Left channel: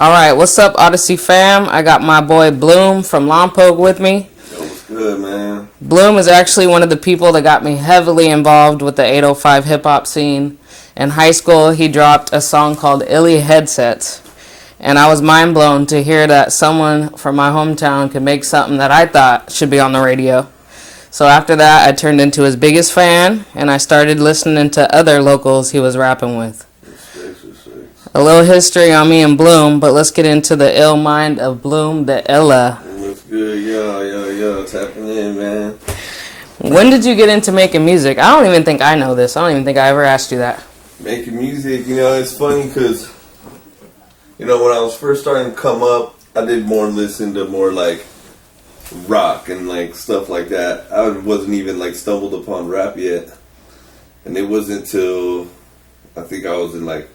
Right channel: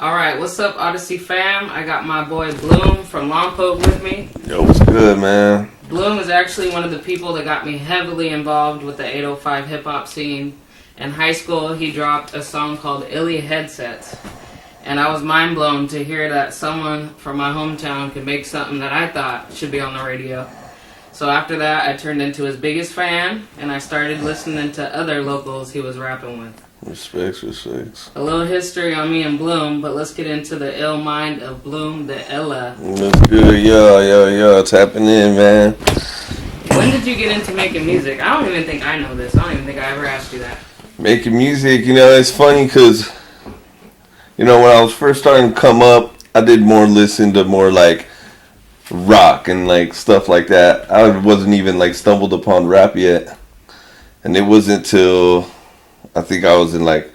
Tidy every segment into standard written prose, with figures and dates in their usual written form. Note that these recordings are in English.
All right, what's up, Odyssey fam? I got my boy Bloom from Lompoc with me. Yo, what's good, man? Bloom is actually one of the people that got me heavily involved with the 805 hip-hop scene. In high school, he dropped a song called Illy Headsets. And I was mind blown to hear that someone from my hometown could make something that I thought should be on the radio. So after that, I turned into his biggest fan, and I started listening to other locals he was rapping with. Respects. A little history on me and Bloom, but let's get into the ill mind of Bloom, the Illa. Looks good, yo, tapping in, man. When did you get into making music? I don't even think I know this. I don't even think I ever asked you that. Making music, it's funny because, when I was first starting to come up, I did listen to more like rock and like stuff like that. I wasn't even like stumbled upon rap yet. And it wasn't till I think I was in like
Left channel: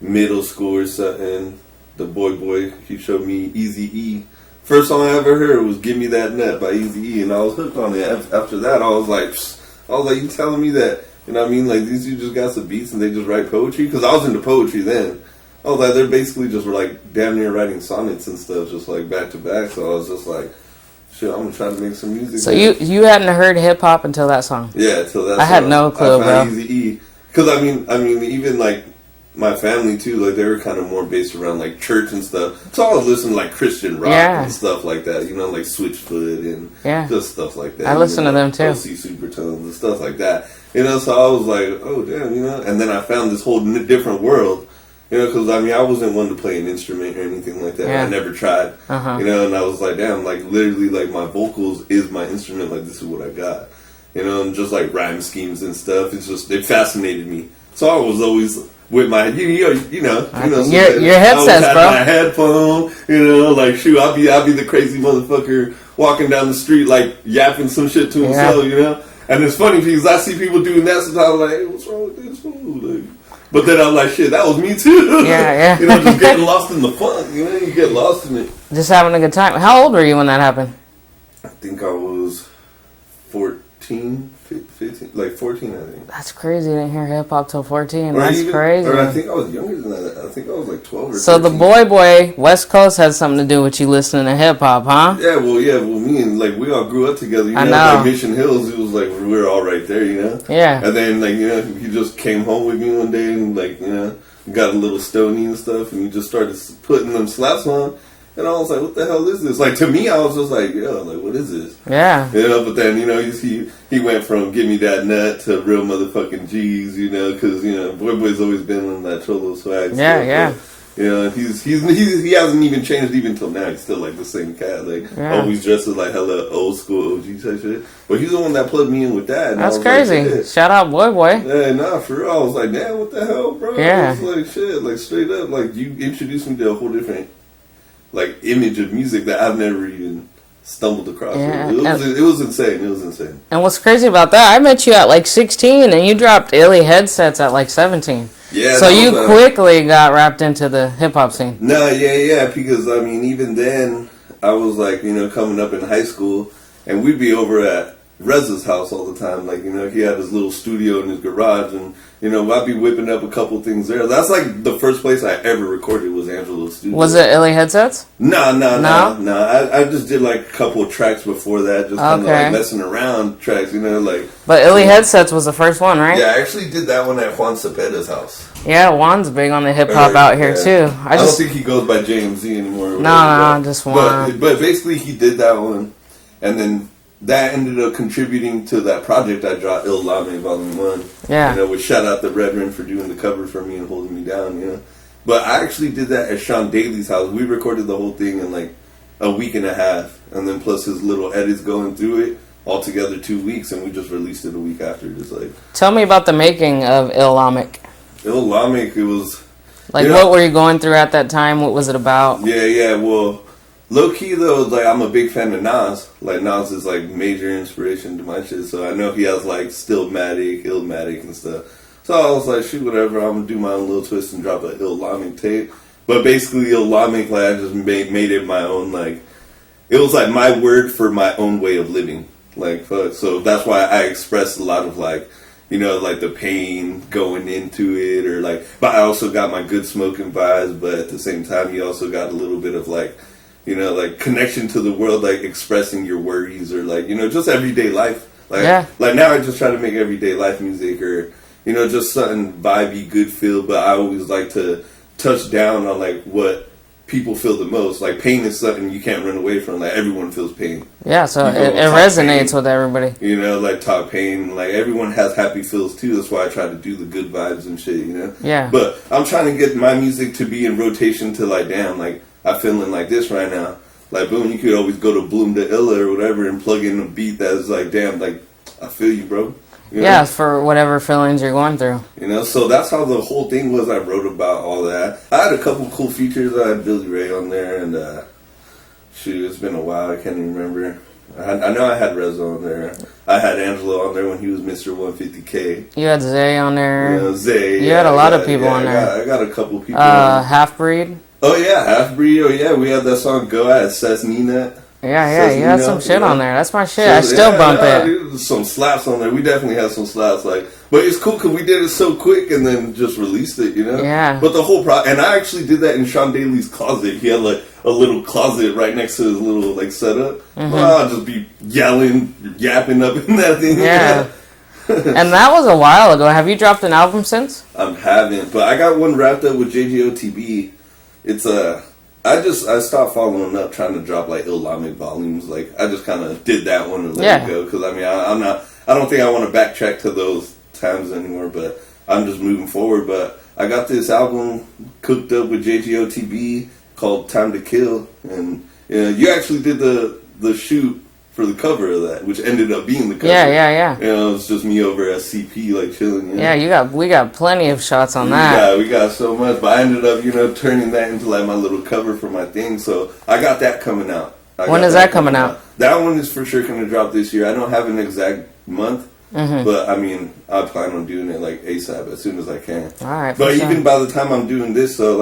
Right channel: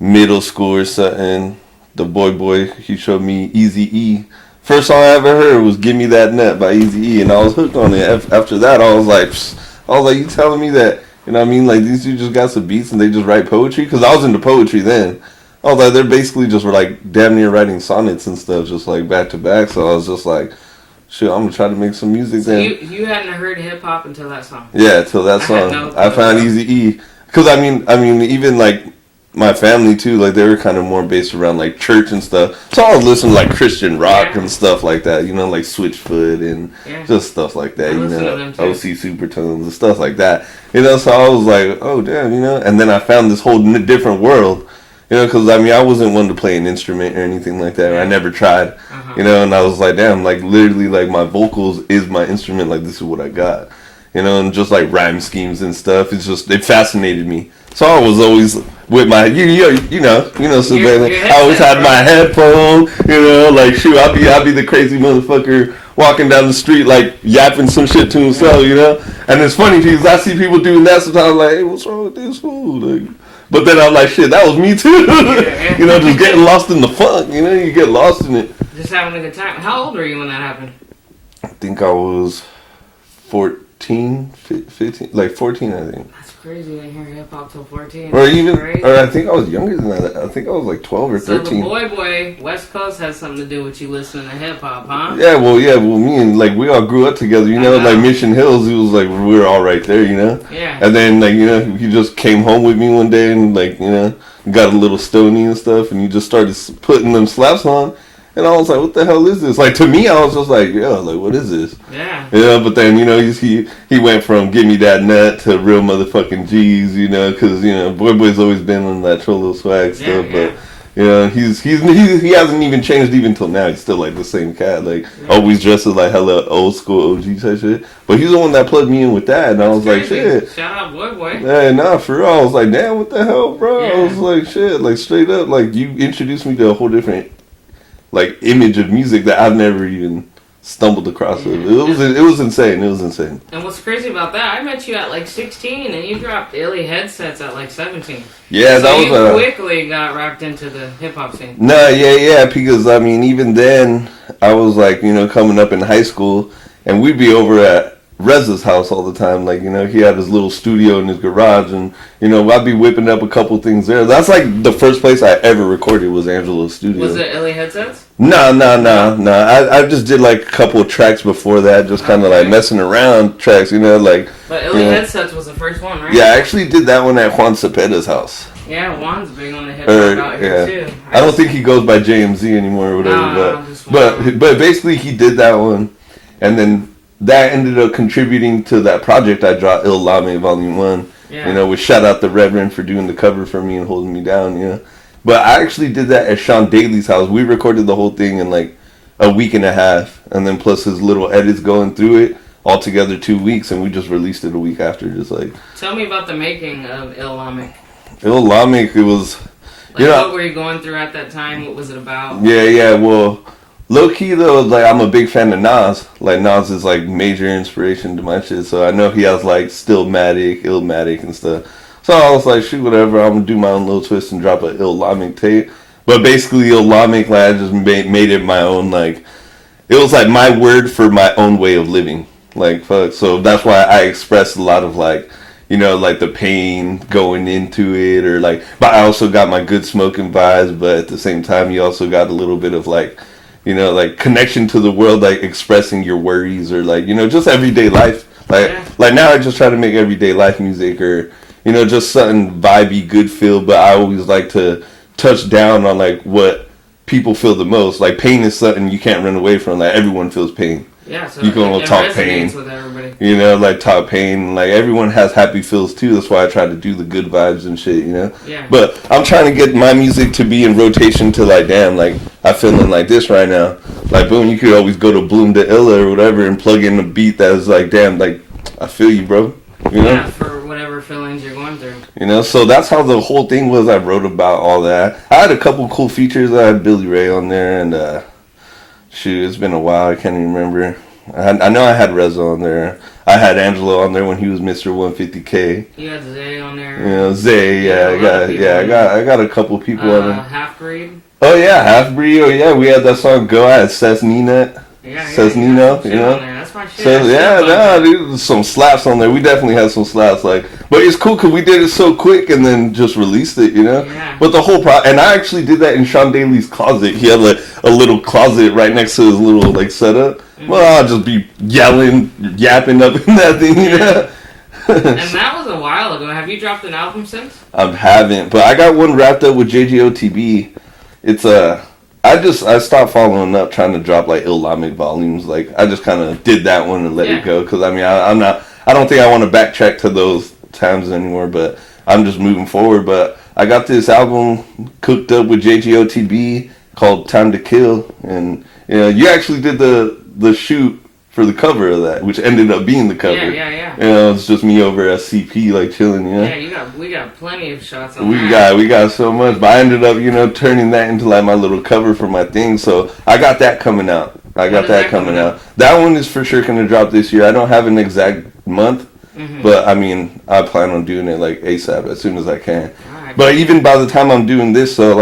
middle school or something. The Boyboy, he showed me Eazy-E. First song I ever heard was "Give Me That Nut" by Eazy-E, and I was hooked on it. After that, I was like, you telling me that? You know what I mean? Like these dudes just got some beats and they just write poetry? Because I was into poetry then. I was like, they're basically just were like damn near writing sonnets and stuff, just like back to back. So I was just like, shit, I'm gonna try to make some music. So then. you hadn't heard hip hop until that song? Yeah, until that song. I had no clue. I found Eazy-E. Because I mean, even like my family too, like they were kind of more based around like church and stuff. So I was listening to like Christian rock and stuff like that, like Switchfoot and just stuff like that. I listen to them too. OC Supertones and stuff like that. So I was like, oh damn, and then I found this whole different world. Because I wasn't one to play an instrument or anything like that. I never tried. And I was like, damn, like literally, like my vocals is my instrument. Like this is what I got. And just like rhyme schemes and stuff. It fascinated me. So I was always with my, so your I always had my headphone. Like shoot, I'll be the crazy motherfucker walking down the street like yapping some shit to himself. And it's funny because I see people doing that sometimes. I'm like, hey, what's wrong with this fool? Like. But then I'm like, shit, that was me too. Just getting lost in the funk. You get lost in it. Just having a good time. How old were you when that happened? I think I was 14, 15, like 14, I think. That's crazy. I didn't hear hip hop till 14. Or That's crazy. Or I think I was younger than that. I think I was like 12 or 13. So the Boyboy, West Coast had something to do with you listening to hip hop, huh? Yeah, well, me and like we all grew up together. Like Mission Hills. It was like we were all right there. Yeah. And then like he just came home with me one day and like got a little stony and stuff, and he just started putting them slaps on. And I was like, what the hell is this? Like, to me, I was just like, yo, like, what is this? Yeah. But then, he went from Give Me That Nut to Real Motherfucking G's, because, Boyboy's always been on that Cholo swag stuff. Yeah. But, he hasn't even changed even till now. He's still, like, the same cat. Like, always dressed as, like, hella old school OG type shit. But he's the one that plugged me in with that. And That's I was crazy. like, shit. Shout out Boyboy. Yeah, nah, for real. I was like, damn, what the hell, bro? Yeah. I was like, shit, like, straight up. Like, you introduced me to a whole different like image of music that I've never even stumbled across. Yeah. It was insane. It was insane. And what's crazy about that, I met you at like 16 and you dropped Illy Headsets at like 17. Yeah. So you quickly got wrapped into the hip hop scene. No, yeah, because even then I was like, coming up in high school and we'd be over at Reza's house all the time. Like, he had his little studio in his garage and, I'd be whipping up a couple things there. That's like the first place I ever recorded was Angelo's studio. Was it Illy Headsets? No. I just did like a couple of tracks before that, just kind of like messing around tracks, like. But Illy Headsets was the first one, right? Yeah, I actually did that one at Juan Cepeda's house. Yeah, Juan's big on the hip hop out here too. I don't think he goes by JMZ anymore or whatever. No, just Juan. But basically he did that one, and then that ended up contributing to that project I dropped, Il Lame Volume 1. Yeah. Which shout out the Reverend for doing the cover for me and holding me down, But I actually did that at Sean Daly's house. We recorded the whole thing in like a week and a half, and then plus his little edits going through it, all together 2 weeks, and we just released it a week after, just like. Tell me about the making of Il Lame. Il Lame, it was. Like, what were you going through at that time? What was it about? Yeah, well. Low key though, like I'm a big fan of Nas. Like Nas is like major inspiration to my shit. So I know he has like Stillmatic, Illmatic and stuff. So I was like, shoot, whatever. I'm gonna do my own little twist and drop an Il Lame tape. But basically, Il Lame, like I just made it my own. Like it was like my word for my own way of living. Like fuck. So that's why I expressed a lot of like, you know, like the pain going into it, or like, but I also got my good smoking vibes, but at the same time, you also got a little bit of like, you know, like connection to the world, like expressing your worries, or like, you know, just everyday life. Like now I just try to make everyday life music, or, you know, just something vibey, good feel, but I always like to touch down on like what people feel the most. Like pain is something you can't run away from. Like everyone feels pain. Yeah, so it resonates with everybody. You know, like talk pain. Like everyone has happy feels too. That's why I try to do the good vibes and shit, you know? Yeah. But I'm trying to get my music to be in rotation to like, damn, like I'm feeling like this right now. Like boom, you could always go to Bloom to Illa or whatever and plug in a beat that's like, damn, like I feel you, bro. You know? Yeah, for whatever feelings you're going through. You know, so that's how the whole thing was. I wrote about all that. I had a couple cool features. I had Billy Ray on there, and shoot, it's been a while. I can't even remember. I know I had Reza on there. I had Angelo on there when he was Mr. 150K. You had Zay on there. You know, Zay. You had a lot of people on there. I got a couple people on there. Half Breed. Oh, yeah, Half Breed. Oh, yeah, we had that song Go. I had Seth Nina. Yeah, you had some shit on there. That's my shit. I still bump it. Dude, some slaps on there. We definitely had some slaps. Like, but it's cool because we did it so quick and then just released it, you know? Yeah. But the whole and I actually did that in Sean Daly's closet. He had a little closet right next to his little, like, setup. Mm-hmm. Well, I'll just be yapping up in that thing. Yeah. And that was a while ago. Have you dropped an album since? I haven't. But I got one wrapped up with JJOTB. It's I stopped following up trying to drop like Islamic volumes. Like I just kind of did that one and let it go because I mean I don't think I want to backtrack to those times anymore. But I'm just moving forward. But I got this album cooked up with JGOTB called Time to Kill, and you know you actually did the shoot for the cover of that, which ended up being the cover. Yeah. You know, it's just me over at CP, like, chilling, you know? Yeah, we got plenty of shots on that. We got so much, but I ended up, you know, turning that into, like, my little cover for my thing, so I got that coming out. When is that coming out? That one is for sure going to drop this year. I don't have an exact month, but, I mean, I plan on doing it, like, ASAP, as soon as I can. All right. But even by the time I'm doing this, so,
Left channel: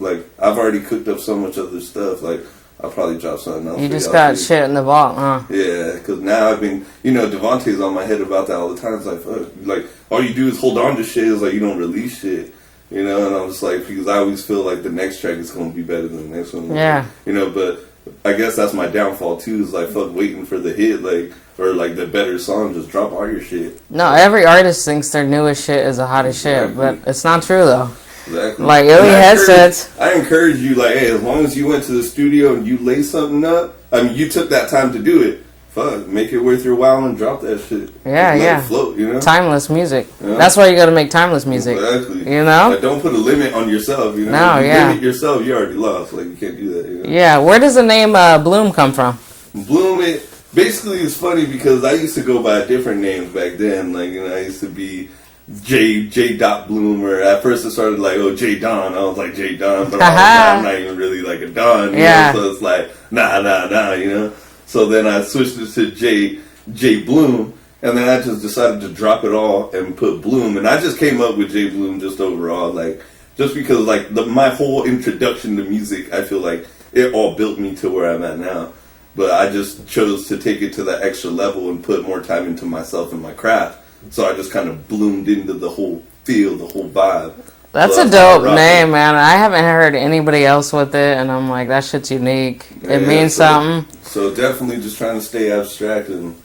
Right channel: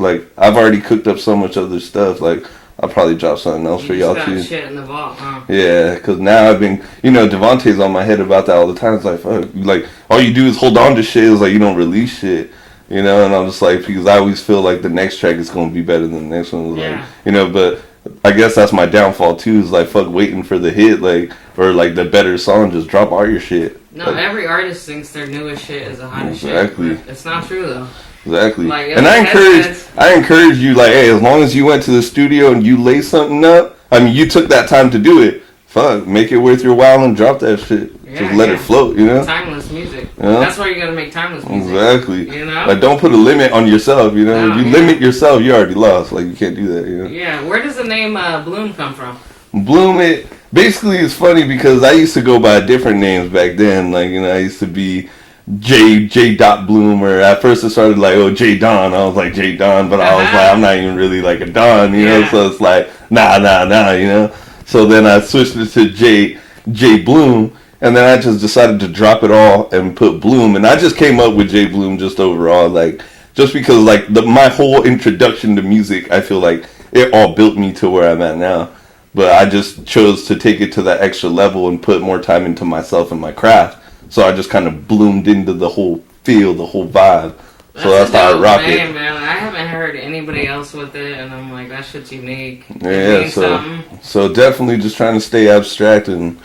like, I've already cooked up so much other stuff, like, I'll probably drop something else for y'all. You just got shit in the vault, huh? Yeah, because now I've been, you know, Devontae's on my head about that all the time. It's like, fuck, like, all you do is hold on to shit. It's like, you don't release shit, you know? And I'm just like, because I always feel like the next track is going to be better than the next one. Yeah. Like, you know, but I guess that's my downfall, too, is like, fuck waiting for the hit, like, or like the better song, just drop all your shit. No, every artist thinks their newest shit is the hottest shit, but it's not true, though. Exactly. Like, headsets. I encourage you, like, hey, as long as you went to the studio and you lay something up, I mean, you took that time to do it. Fuck, make it worth your while and drop that shit. Yeah, just let it float, you know? Timeless music. Yeah. That's why you gotta make timeless music. Exactly. You know? Like, don't put a limit on yourself, you know? No, if you limit yourself, you already lost. Like, you can't do that, you know? Yeah, where does the name Bloom come from? Bloom, it basically is funny because I used to go by different names back then. Like, you know, I used to be J. Dot Bloom, or at first it started like, oh, J. Don. I was like J. Don, but I was like, I'm not even really like a Don, you know? So it's like, nah, you know? So then I switched it to J. Bloom, and then I just decided to drop it all and put Bloom, and I just came up with J. Bloom just overall, like, just because, like, my whole introduction to music, I feel like it all built me to where I'm at now. But I just chose to take it to that extra level and put more time into myself and my craft. So I just kind of bloomed into the whole feel, the whole vibe. That's a dope name, man. I haven't heard anybody else with it, and I'm like, that shit's unique. It means something. So definitely just trying to stay abstract and,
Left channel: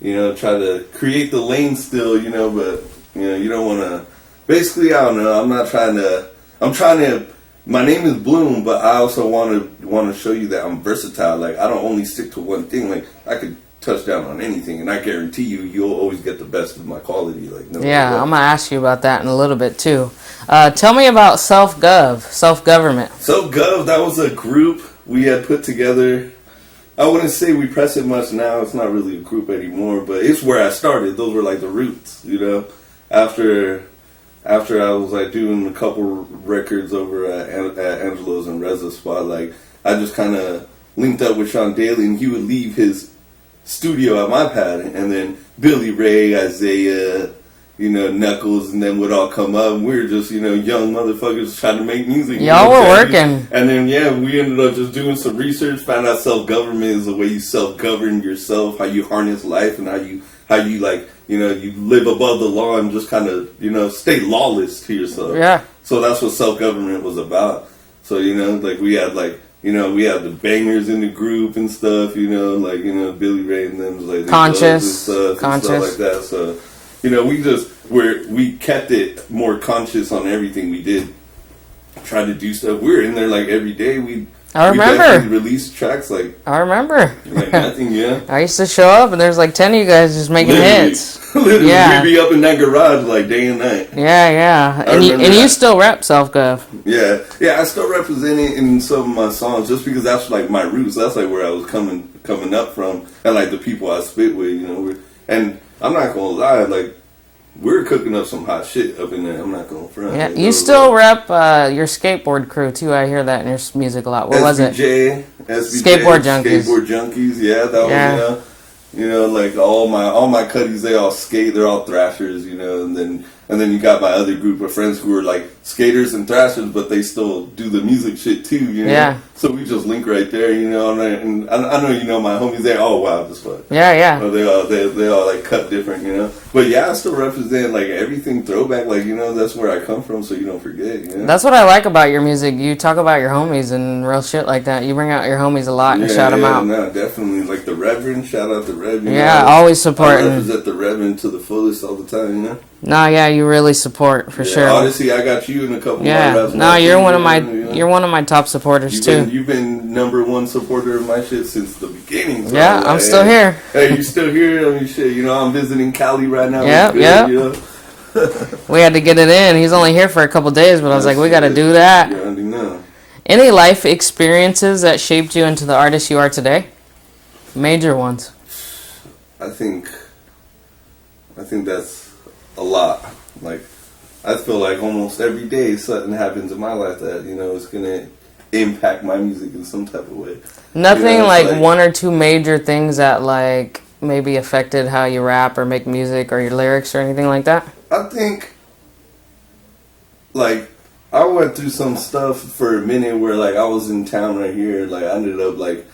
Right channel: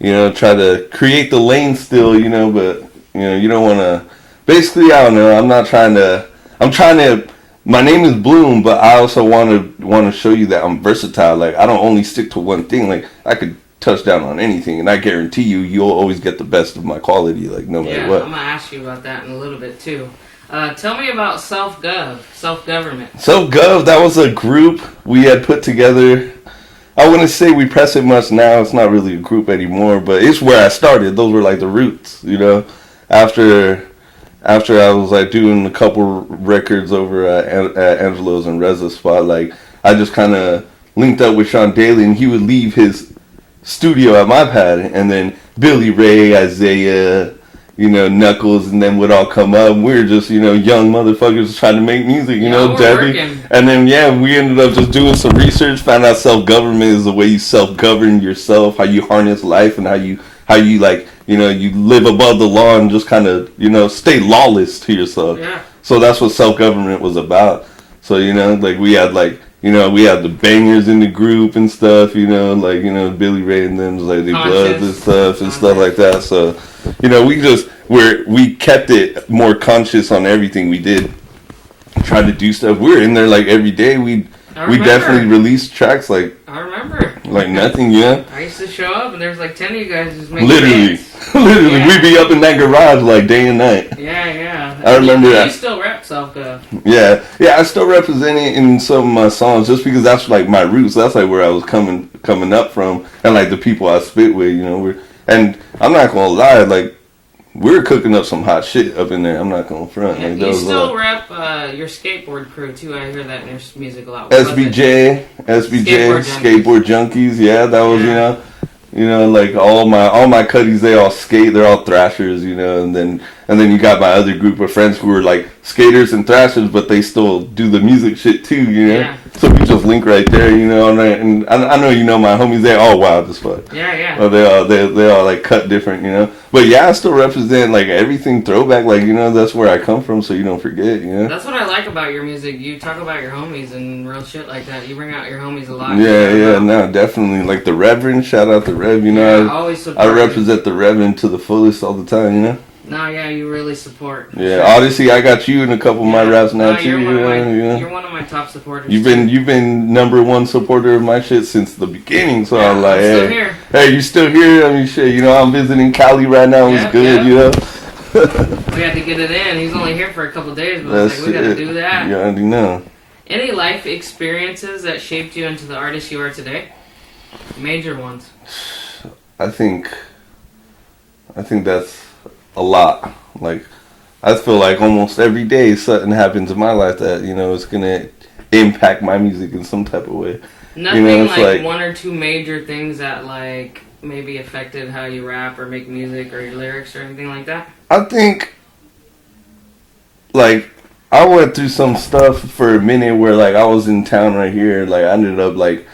you know, try to create the lane still, you know, but, you know, you don't want to, basically, I don't know, I'm trying to, my name is Bloom, but I also want to show you that I'm versatile. Like, I don't only stick to one thing. Like, I could touch down on anything, and I guarantee you'll always get the best of my quality, like, no matter what. I'm gonna ask you about that in a little bit too. Tell me about self-government. Self-gov, that was a group we had put together. I wouldn't say we press it much now. It's not really a group anymore, but it's where I started. Those were like the roots, you know. After I was like doing a couple records over at Angelo's and Reza's spot, like, I just kind of linked up with Sean Daly, and he would leave his studio at my pad, and then Billy Ray, Isaiah, you know, Knuckles, and then would all come up. We were just, you know, young motherfuckers trying to make music. Y'all were working. And then, we ended up just doing some research, found out self-government is the way you self-govern yourself, how you harness life, and how you like you live above the law and just kind of, stay lawless to yourself. Yeah. So that's what self-government was about. So, like we had we had the bangers in the group and stuff, Billy Ray and them, like the Bloods and stuff like that. So, we kept it more conscious on everything we did. Tried to do stuff. We were in there like every day. We definitely released tracks I remember. Like nothing, yeah. I used to show up and there's like 10 of you guys just making hits. Literally, we'd be up in that garage like day and night. Yeah. And you still rap self-gov. Yeah, I still represent it in some of my songs just because that's like my roots. That's like where I was coming up from, and like the people I spit with, and I'm not gonna lie, like we're cooking up some hot shit up in there. I'm not gonna front. Yeah, like, you still rep your skateboard crew too. I hear that in your music a lot. What was it? SBJ, Skateboard Junkies. Yeah, that was like all my cuddies. They all skate. They're all thrashers. And then you got my other group of friends who are like skaters and thrashers, but they still do the music shit too. Yeah. So we just link right there. And I know my homies. They all wild as fuck. Yeah. Well, they all like cut different. But yeah, I still represent like everything throwback. Like that's where I come from, so you don't forget. That's what I like about your music. You talk about your homies and real shit like that. You bring out your homies a lot. You shout them out. No, definitely. Like the Reverend, shout out the Rev. Yeah, always support. I represent the Reverend to the fullest all the time. No, yeah, you really support for sure. Obviously, I got you in a couple of my raps. No, you're one of my top supporters You've been number one supporter of my shit since the beginning. So yeah, I'm still here. Hey, you still here? I mean, shit. I'm visiting Cali right now. Yep, it's good. We had to get it in. He's only here for a couple days, but I was like, we got to do that. You already know. Any life experiences that shaped you into the artist you are today? Major ones. I think that's a lot. Like, I feel like almost every day something happens in my life that, is going to impact my music in some type of way. Nothing like one or two major things that, like, maybe affected how you rap or make music or your lyrics or anything like that? I think, like, I went through some stuff for a minute where, like, I was in town right here. Like, I ended up, like,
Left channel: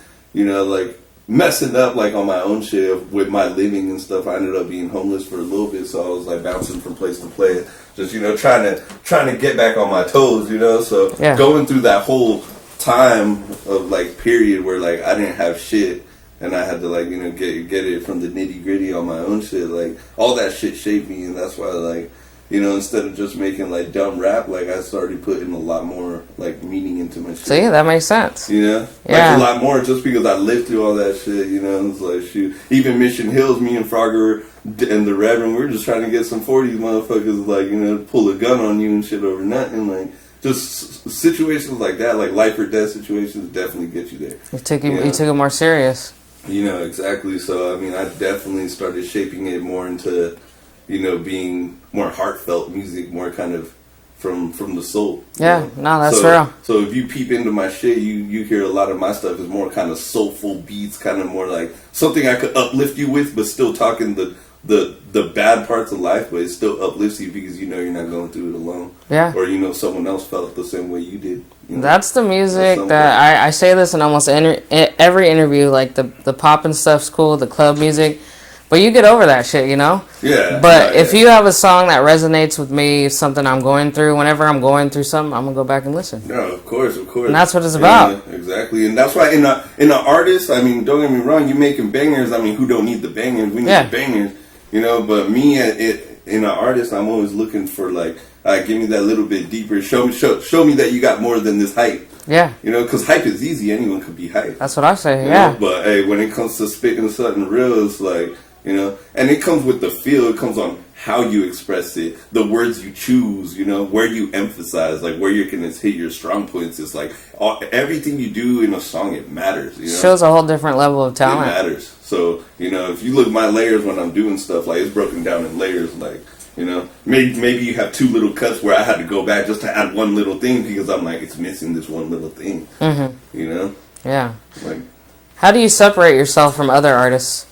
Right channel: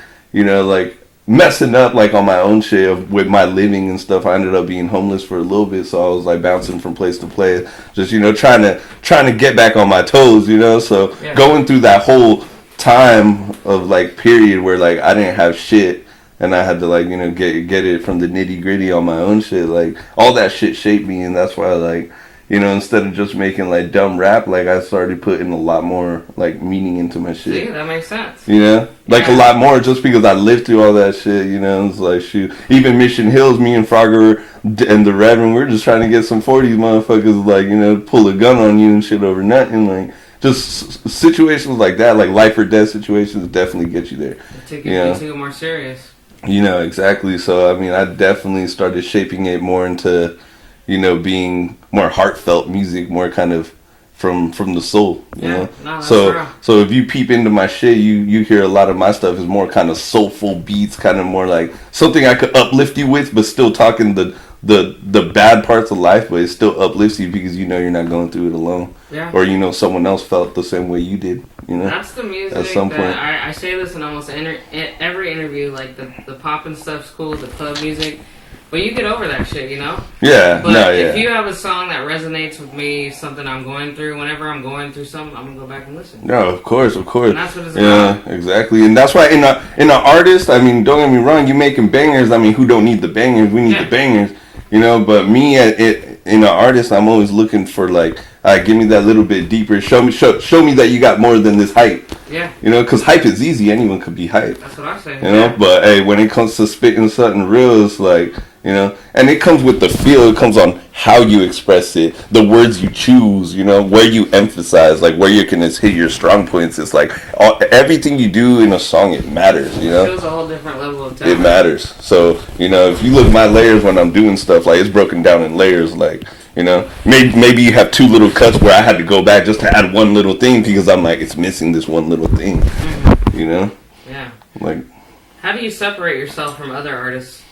messing up like on my own shit with my living and stuff. I ended up being homeless for a little bit, so I was like bouncing from place to place, just trying to get back on my toes, so going through that whole time of like period where like I didn't have shit and I had to like get it from the nitty gritty on my own shit. Like all that shit shaped me, and that's why like instead of just making like dumb rap, like I started putting a lot more like meaning into my shit. See, that makes sense. Like a lot more just because I lived through all that shit. It's like shoot, even Mission Hills, me and Frogger and the Reverend, we're just trying to get some 40s motherfuckers like pull a gun on you and shit over nothing. Like just situations like that, like life or death situations, definitely get you there. You took it more serious. Exactly. So I mean, I definitely started shaping it more into being more heartfelt music, more kind of from the soul. No, that's real. So if you peep into my shit, you hear a lot of my stuff is more kind of soulful beats, kind of more like something I could uplift you with, but still talking the bad parts of life, but it still uplifts you because you're not going through it alone. Yeah. Or someone else felt the same way you did. That's the music that I say this in almost every interview. Like the pop and stuff's cool, the club music. But you get over that shit, Yeah. But if you have a song that resonates with me, something I'm going through, whenever I'm going through something, I'm gonna go back and listen. No, of course. And that's what it's about. Yeah, exactly. And that's why in an artist, I mean, don't get me wrong, you making bangers. I mean, who don't need the bangers? We need the bangers, But me, in an artist, I'm always looking for like, give me that little bit deeper. Show me that you got more than this hype. Yeah. Because hype is easy. Anyone could be hype. That's what I say. But hey, when it comes to spitting something real, it's like. And it comes with the feel. It comes on how you express it, the words you choose, where you emphasize, like where you can hit your strong points. It's like everything you do in a song, it matters. It shows a whole different level of talent. It matters. So if you look at my layers when I'm doing stuff, like it's broken down in layers. Like maybe you have two little cuts where I had to go back just to add one little thing because I'm like it's missing this one little thing. Mm-hmm. Yeah. Like, how do you separate yourself from other artists?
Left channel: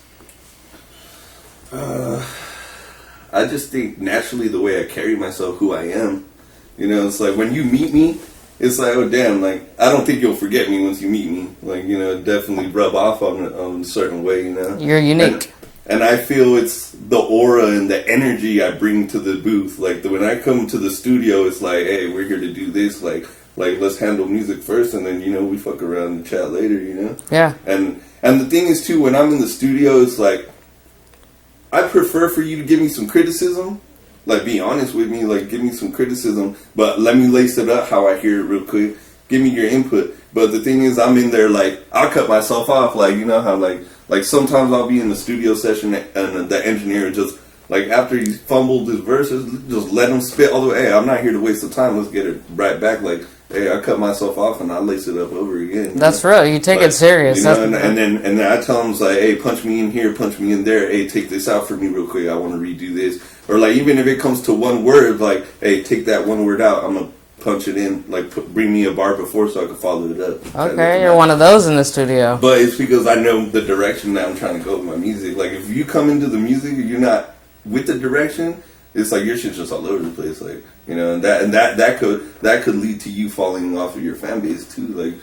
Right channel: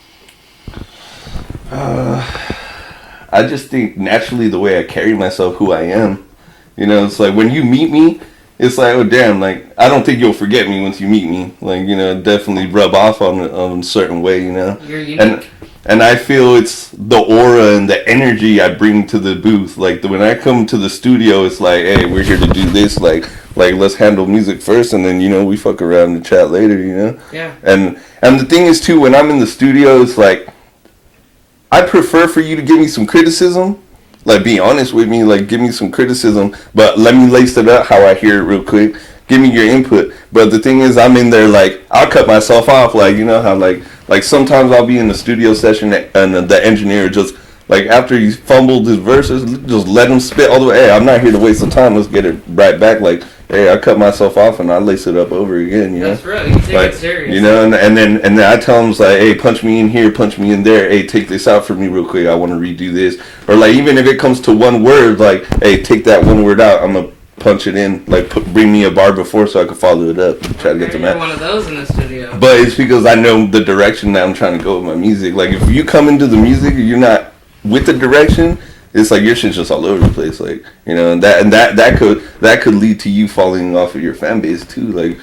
I just think naturally the way I carry myself, who I am, it's like when you meet me, it's like, oh damn, like I don't think you'll forget me once you meet me. Like definitely rub off on a certain way. You're unique. And I feel it's the aura and the energy I bring to the booth. Like when I come to the studio, it's like, hey, we're here to do this. Like let's handle music first, and then we fuck around and chat later. Yeah. And the thing is too, when I'm in the studio, it's like I prefer for you to give me some criticism. Like, be honest with me. Like, give me some criticism, but let me lace it up how I hear it real quick. Give me your input. But the thing is, I'm in there like I'll cut myself off. Like how like sometimes I'll be in the studio session and the engineer just like after he fumbled his verses, just let him spit all the way. Hey, I'm not here to waste the time. Let's get it right back. Like, hey, I cut myself off and I lace it up over again. That's real. You take it serious. And then I tell him like, hey, punch me in here, punch me in there. Hey, take this out for me real quick. I want to redo this. Or like even if it comes to one word, like, hey, take that one word out. I'm gonna punch it in, like bring me a bar before so I can follow it up. Okay, you're one of those in the studio. But it's because I know the direction that I'm trying to go with my music. Like if you come into the music and you're not with the direction, it's like your shit's just all over the place. Like and that could lead to you falling off of your fan base too. Like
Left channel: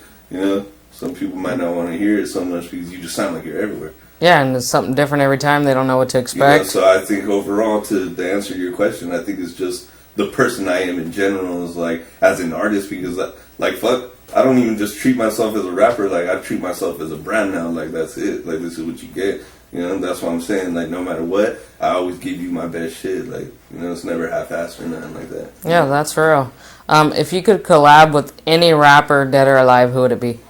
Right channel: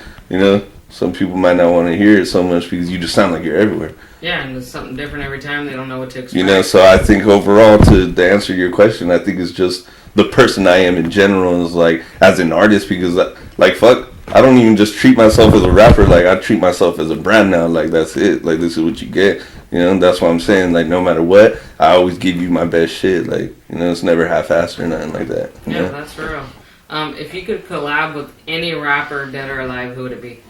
some people might not want to hear it so much because you just sound like you're everywhere. Yeah, and it's something different every time. They don't know what to expect. So I think overall, to answer your question, I think it's just the person I am in general is like as an artist, because like fuck, I don't even just treat myself as a rapper. Like I treat myself as a brand now. Like that's it. Like this is what you get. That's what I'm saying. Like no matter what, I always give you my best shit. Like it's never half-assed or nothing like that. Yeah, that's for real. If you could collab with any rapper, dead or alive, who would it be?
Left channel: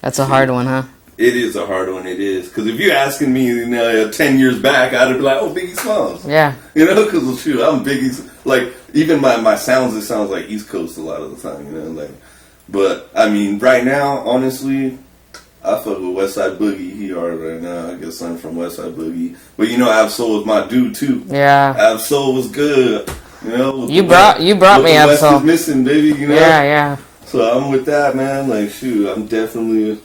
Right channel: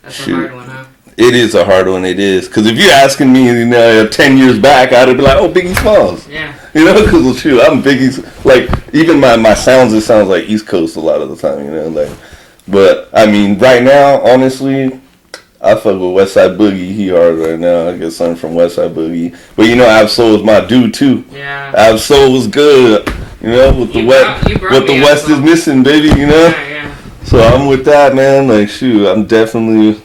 That's a hard one, huh? It is a hard one. It is, because if you're asking me, 10 years back, I'd be like, oh, Biggie Smalls. Yeah. Because shoot, I'm Biggie's. Like even my sounds, it sounds like East Coast a lot of the time. Like, but I mean, right now, honestly, I fuck with WestSide Boogie. He hard right now. I get something from WestSide Boogie. But Ab-Soul is my dude too. Yeah. Ab-Soul was good. With you brought me What the West is missing, baby. Yeah. So I'm with that, man. Like, shoot, I'm definitely,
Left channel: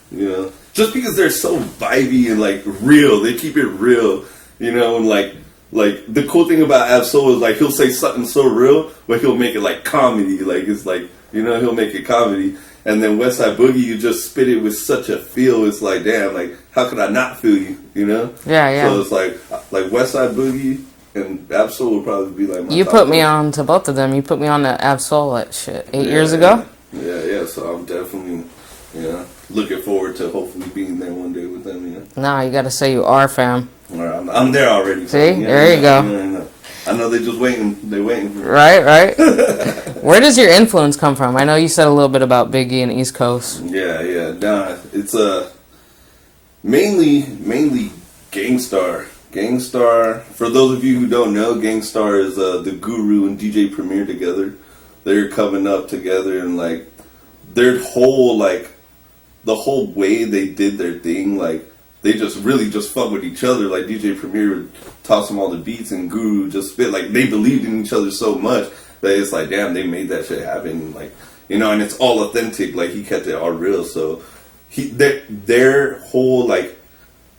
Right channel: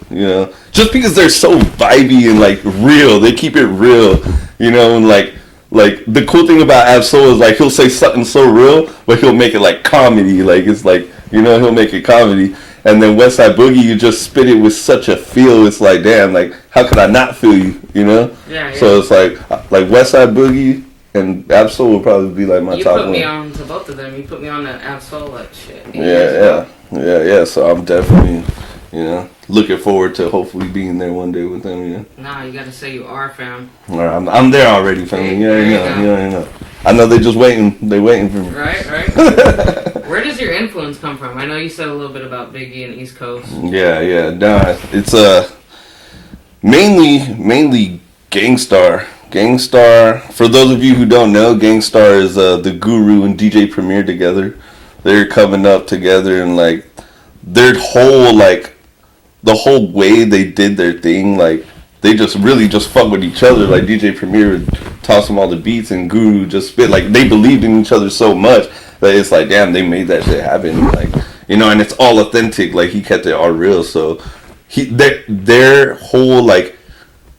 just because they're so vibey and like real, they keep it real, and like the cool thing about Ab-Soul is like he'll say something so real, but he'll make it like comedy. Like it's like he'll make it comedy. And then WestSide Boogie, you just spit it with such a feel. It's like, damn, like how could I not feel you? Yeah. So it's like WestSide Boogie and Ab-Soul will probably be like my. You top put me one. on to both of them. You put me on to Ab-Soul like shit 8 years ago. Yeah. So I'm definitely, looking forward to hopefully being there one day with them. Nah, you gotta say you are, fam. All right, I'm there already, fam. See? There you go. I know they're just waiting. They're waiting for me. Right. Where does your influence come from? I know you said a little bit about Biggie and East Coast. Yeah. Nah, it's mainly Gangstar. Gangstar. For those of you who don't know, Gangstar is the Guru and DJ Premier together. They're coming up together and like their whole like the whole way they did their thing, like they just really just fuck with each other. Like DJ Premier would toss them all the beats and Guru just spit. Like they believed in each other so much that it's like, damn, they made that shit happen. Like and it's all authentic. Like he kept it all real. So their whole like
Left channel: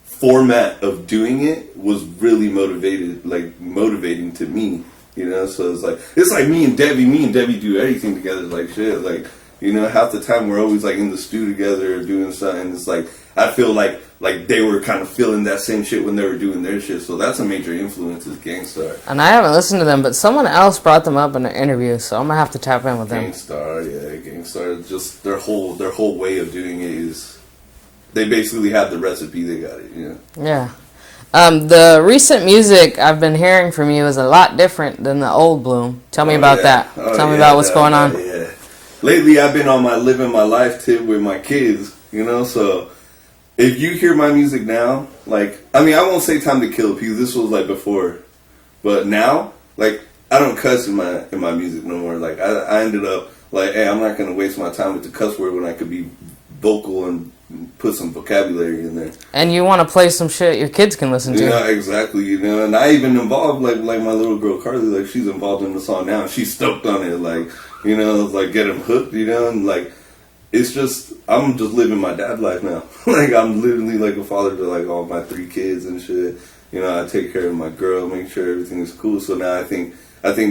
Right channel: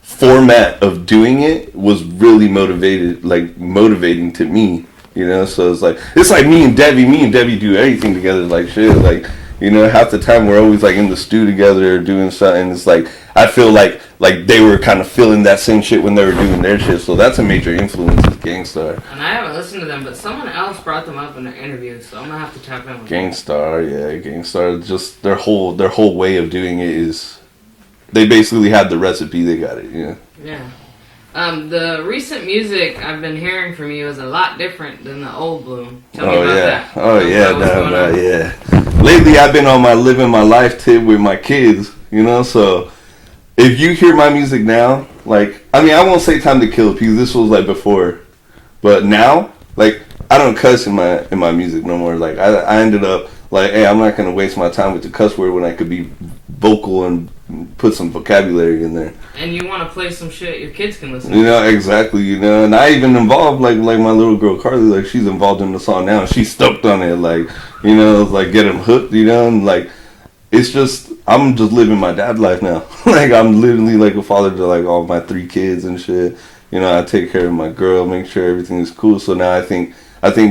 format of doing it was really motivating to me. So it's like me and Debbie do everything together, like shit, like half the time we're always like in the stew together or doing something. It's like I feel like they were kind of feeling that same shit when they were doing their shit. So that's a major influence is Gangstar. And I haven't listened to them, but someone else brought them up in an interview, so I'm gonna have to tap in with them. Gangstar, just their whole way of doing it is they basically had the recipe. They got it. Yeah. The recent music I've been hearing from you is a lot different than the old Bloom. Tell me about that. Tell me about what's going on. Yeah. Lately, I've been on my living my life tip with my kids, so if you hear my music now, like, I mean, I won't say Time to Kill because this was like before, but now, like, I don't cuss in my music no more. Like, I ended up like, hey, I'm not gonna waste my time with the cuss word when I could be vocal and put some vocabulary in there. And you want to play some shit your kids can listen to. Exactly, and I even involved like my little girl Carly, like she's involved in the song now and she's stoked on it, like, like get them hooked, and like it's just I'm just living my dad life now. Like I'm literally like a father to like all my 3 kids and shit. I take care of my girl, make sure everything is cool. So now I think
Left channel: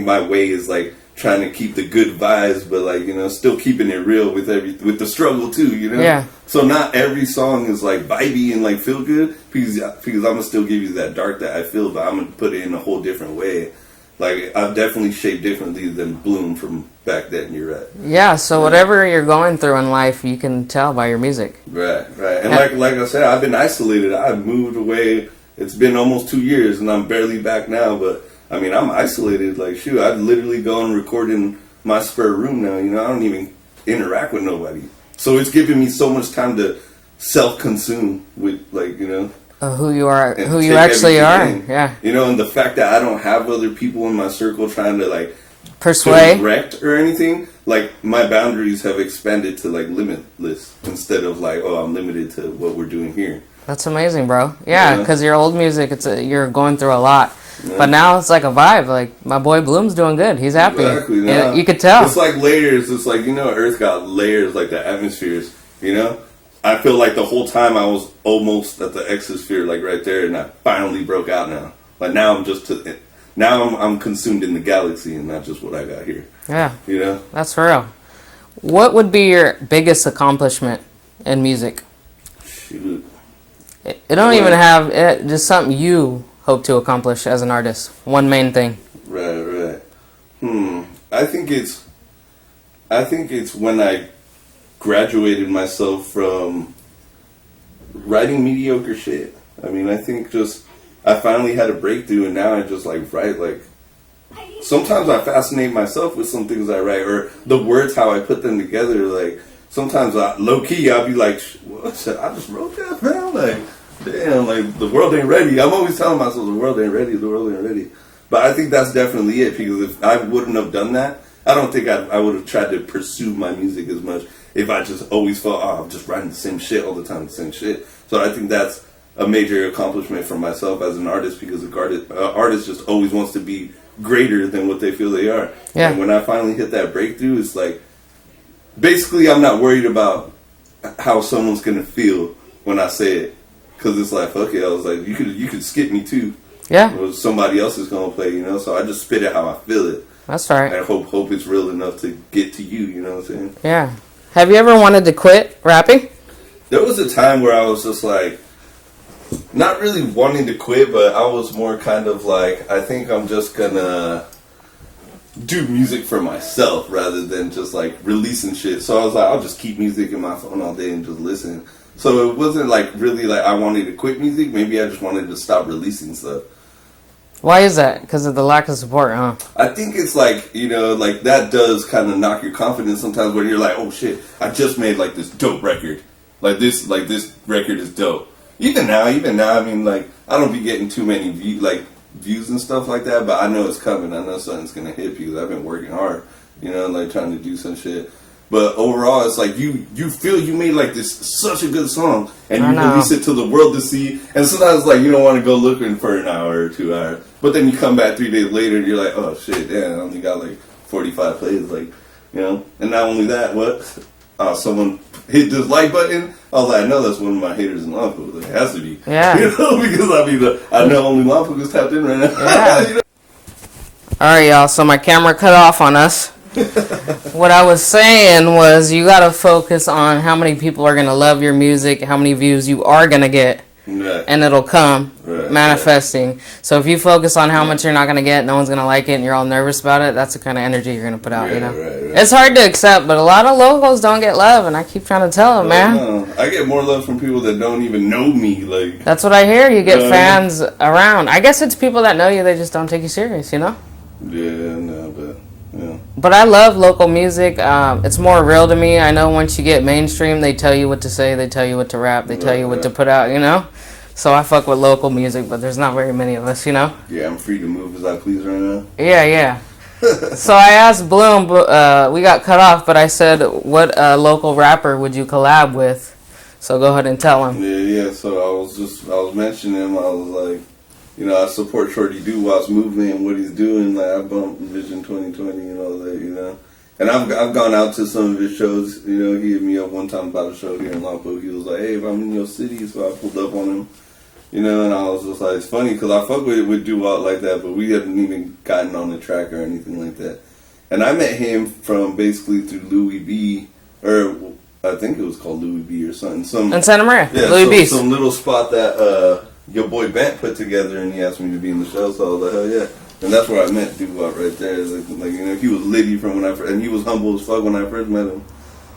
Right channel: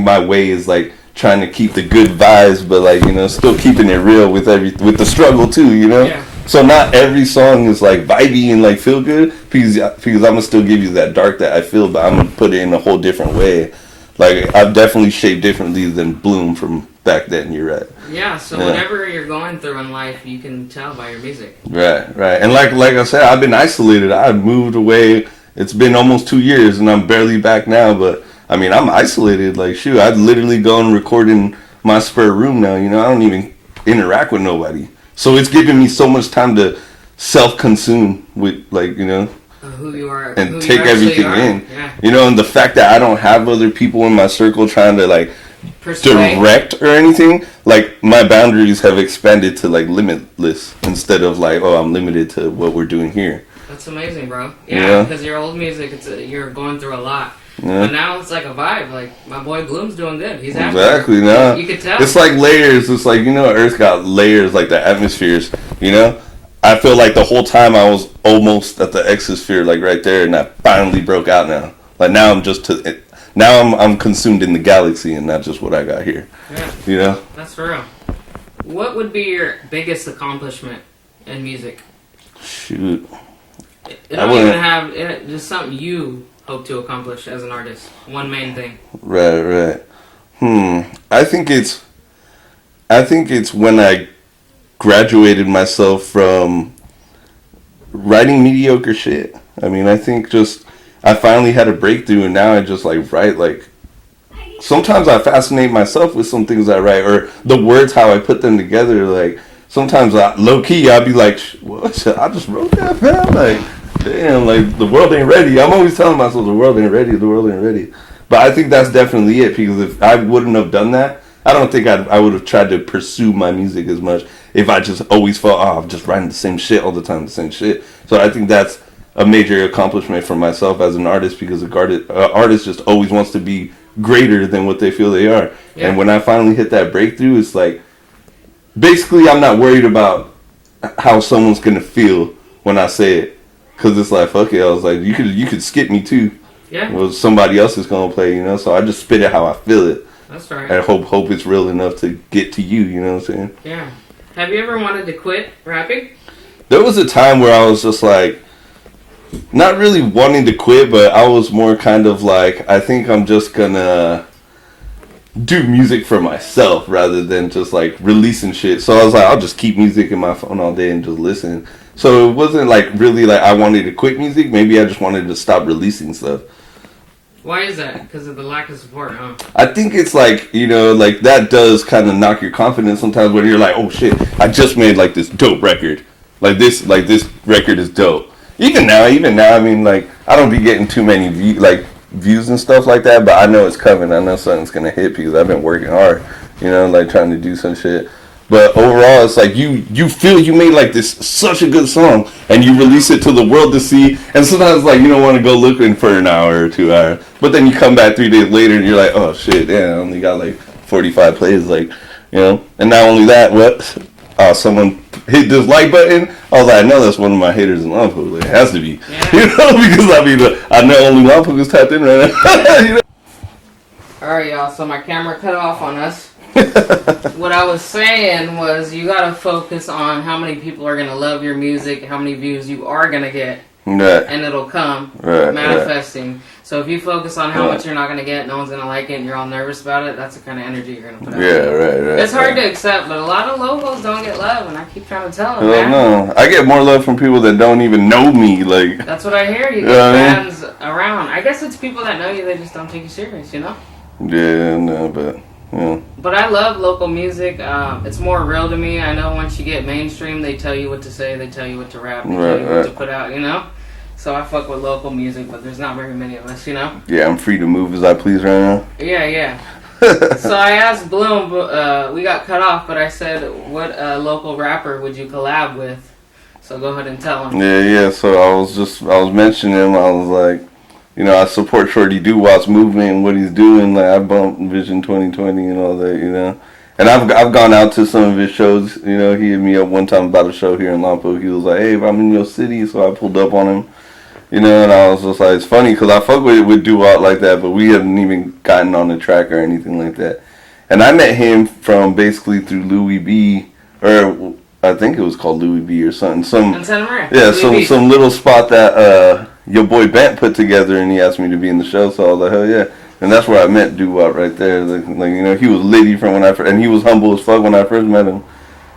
my way is like trying to keep the good vibes, but like, you know, still keeping it real with with the struggle too, you know. Yeah. So not every song is like vibey and like feel good, because I'm gonna still give you that dark that I feel, but I'm gonna put it in a whole different way. Like, I've definitely shaped differently than Bloom from back then. You're right. Yeah. So whatever you're going through in life, you can tell by your music. Right. And like I said, I've been isolated. I've moved away. It's been almost 2 years, and I'm barely back now. But I mean, I'm isolated. Like, shoot, I'd literally go and record in my spare room now. You know, I don't even interact with nobody. So it's giving me so much time to self-consume with, like, you know. Who you are, and who take you actually everything are. in. Yeah. You know, and the fact that I don't have other people in my circle trying to like Persuade. direct or anything, like my boundaries have expanded to like limitless instead of like, oh, I'm limited to what we're doing here. That's amazing, bro. Yeah, because your old music, you're going through a lot. Yeah. But now it's like a vibe. Like, my boy Bloom's doing good. He's happy. Exactly. Now you could tell. It's like layers. It's like, you know, Earth got layers, like the atmospheres. You know, I feel like the whole time I was almost at the exosphere, like right there, and I finally broke out now. Like, now I'm just I'm consumed in the galaxy and not just what I got here. Yeah. You know? That's for real. What would be your biggest accomplishment in music? Shoot. It don't even have just something you hope to accomplish as an artist. One main thing. Right. I think it's when I graduated myself from writing mediocre shit. I mean, I think just I finally had a breakthrough, and now I just like write. Like, sometimes I fascinate myself with some things I write, or the words, how I put them together. Like, sometimes low key I'll be like, what? I just wrote that, man. Like, damn, like, the world ain't ready. I'm always telling myself the world ain't ready. But I think that's definitely it, because if I wouldn't have done that, I don't think I would have tried to pursue my music as much if I just always felt, I'm just writing the same shit all the time, the same shit. So I think that's a major accomplishment for myself as an artist, because an artist just always wants to be greater than what they feel they are. Yeah. And when I finally hit that breakthrough, it's like, basically I'm not worried about how someone's going to feel when I say it. Because it's like, fuck it, I was like, you could skip me too. Yeah. Well, somebody else is going to play, you know? So I just spit it how I feel it. That's right. And I hope it's real enough to get to you, you know what I'm saying? Yeah. Have you ever wanted to quit rapping? There was a time where I was just like, not really wanting to quit, but I was more kind of like, I think I'm just gonna do music for myself rather than just like releasing shit. So I was like, I'll just keep music in my phone all day and just listen. So it wasn't like really like I wanted to quit music. Maybe I just wanted to stop releasing stuff. Why is that? Because of the lack of support, huh? I think it's like, you know, like that does kind of knock your confidence sometimes when you're like, oh shit, I just made like this dope record. Like this record is dope. Even now, I mean, like, I don't be getting too many views and stuff like that, but I know it's coming. I know something's gonna hit because I've been working hard, you know, like trying to do some shit. But overall, it's like you feel you made like this such a good song, and you release it to the world to see. And sometimes like you don't want to go looking for an hour or 2 hours, but then you come back 3 days later and you're like, oh shit, damn, I only got like 45 plays, like, you know. And not only that, someone hit this like button. I was like, I know that's one of my haters in Lompoc. Like, it has to be, yeah. You know, because I mean, I know only Lompoc is tapped in right now. Yeah. You know? All right, y'all. So my camera cut off on us. What I was saying was you gotta focus on how many people are gonna love your music, how many views you are gonna get, and it'll come manifesting. Right. So if you focus on how much you're not gonna get, no one's gonna like it, and you're all nervous about it, that's the kind of energy you're gonna put out. Right. It's hard to accept, but a lot of locals don't get love, and I keep trying to tell them, man. No. I get more love from people that don't even know me. Like, that's what I hear. You get fans around. I guess it's people that know you, they just don't take you serious, you know? Yeah, no, but. Yeah. But I love local music. It's more real to me. I know once you get mainstream, they tell you what to say, they tell you what to rap, they tell you what to put out, you know? So I fuck with local music, but there's not very many of us, you know? Yeah, I'm free to move as I please right now. Yeah. So I asked Bloom, we got cut off, but I said, what local rapper would you collab with? So go ahead and tell him. Yeah, so I was mentioning him, I was like, you know, I support Shorty Doo-Wop's movement and what he's doing. Like, I bumped Vision 2020 and all that, you know. And I've gone out to some of his shows. You know, he hit me up one time about a show here in Lompoc. He was like, hey, if I'm in your city, so I pulled up on him. You know, and I was just like, it's funny because I fuck with Doo-Wop like that, but we haven't even gotten on the track or anything like that. And I met him from basically through Louis B. Or I think it was called Louis B. or something. In Santa Maria. Yeah, some little spot that your boy Bent put together, and he asked me to be in the show. So I was like, hell yeah. And that's where I met Doo-Wop right there. Like you know, he was litty from when and he was humble as fuck when I first met him.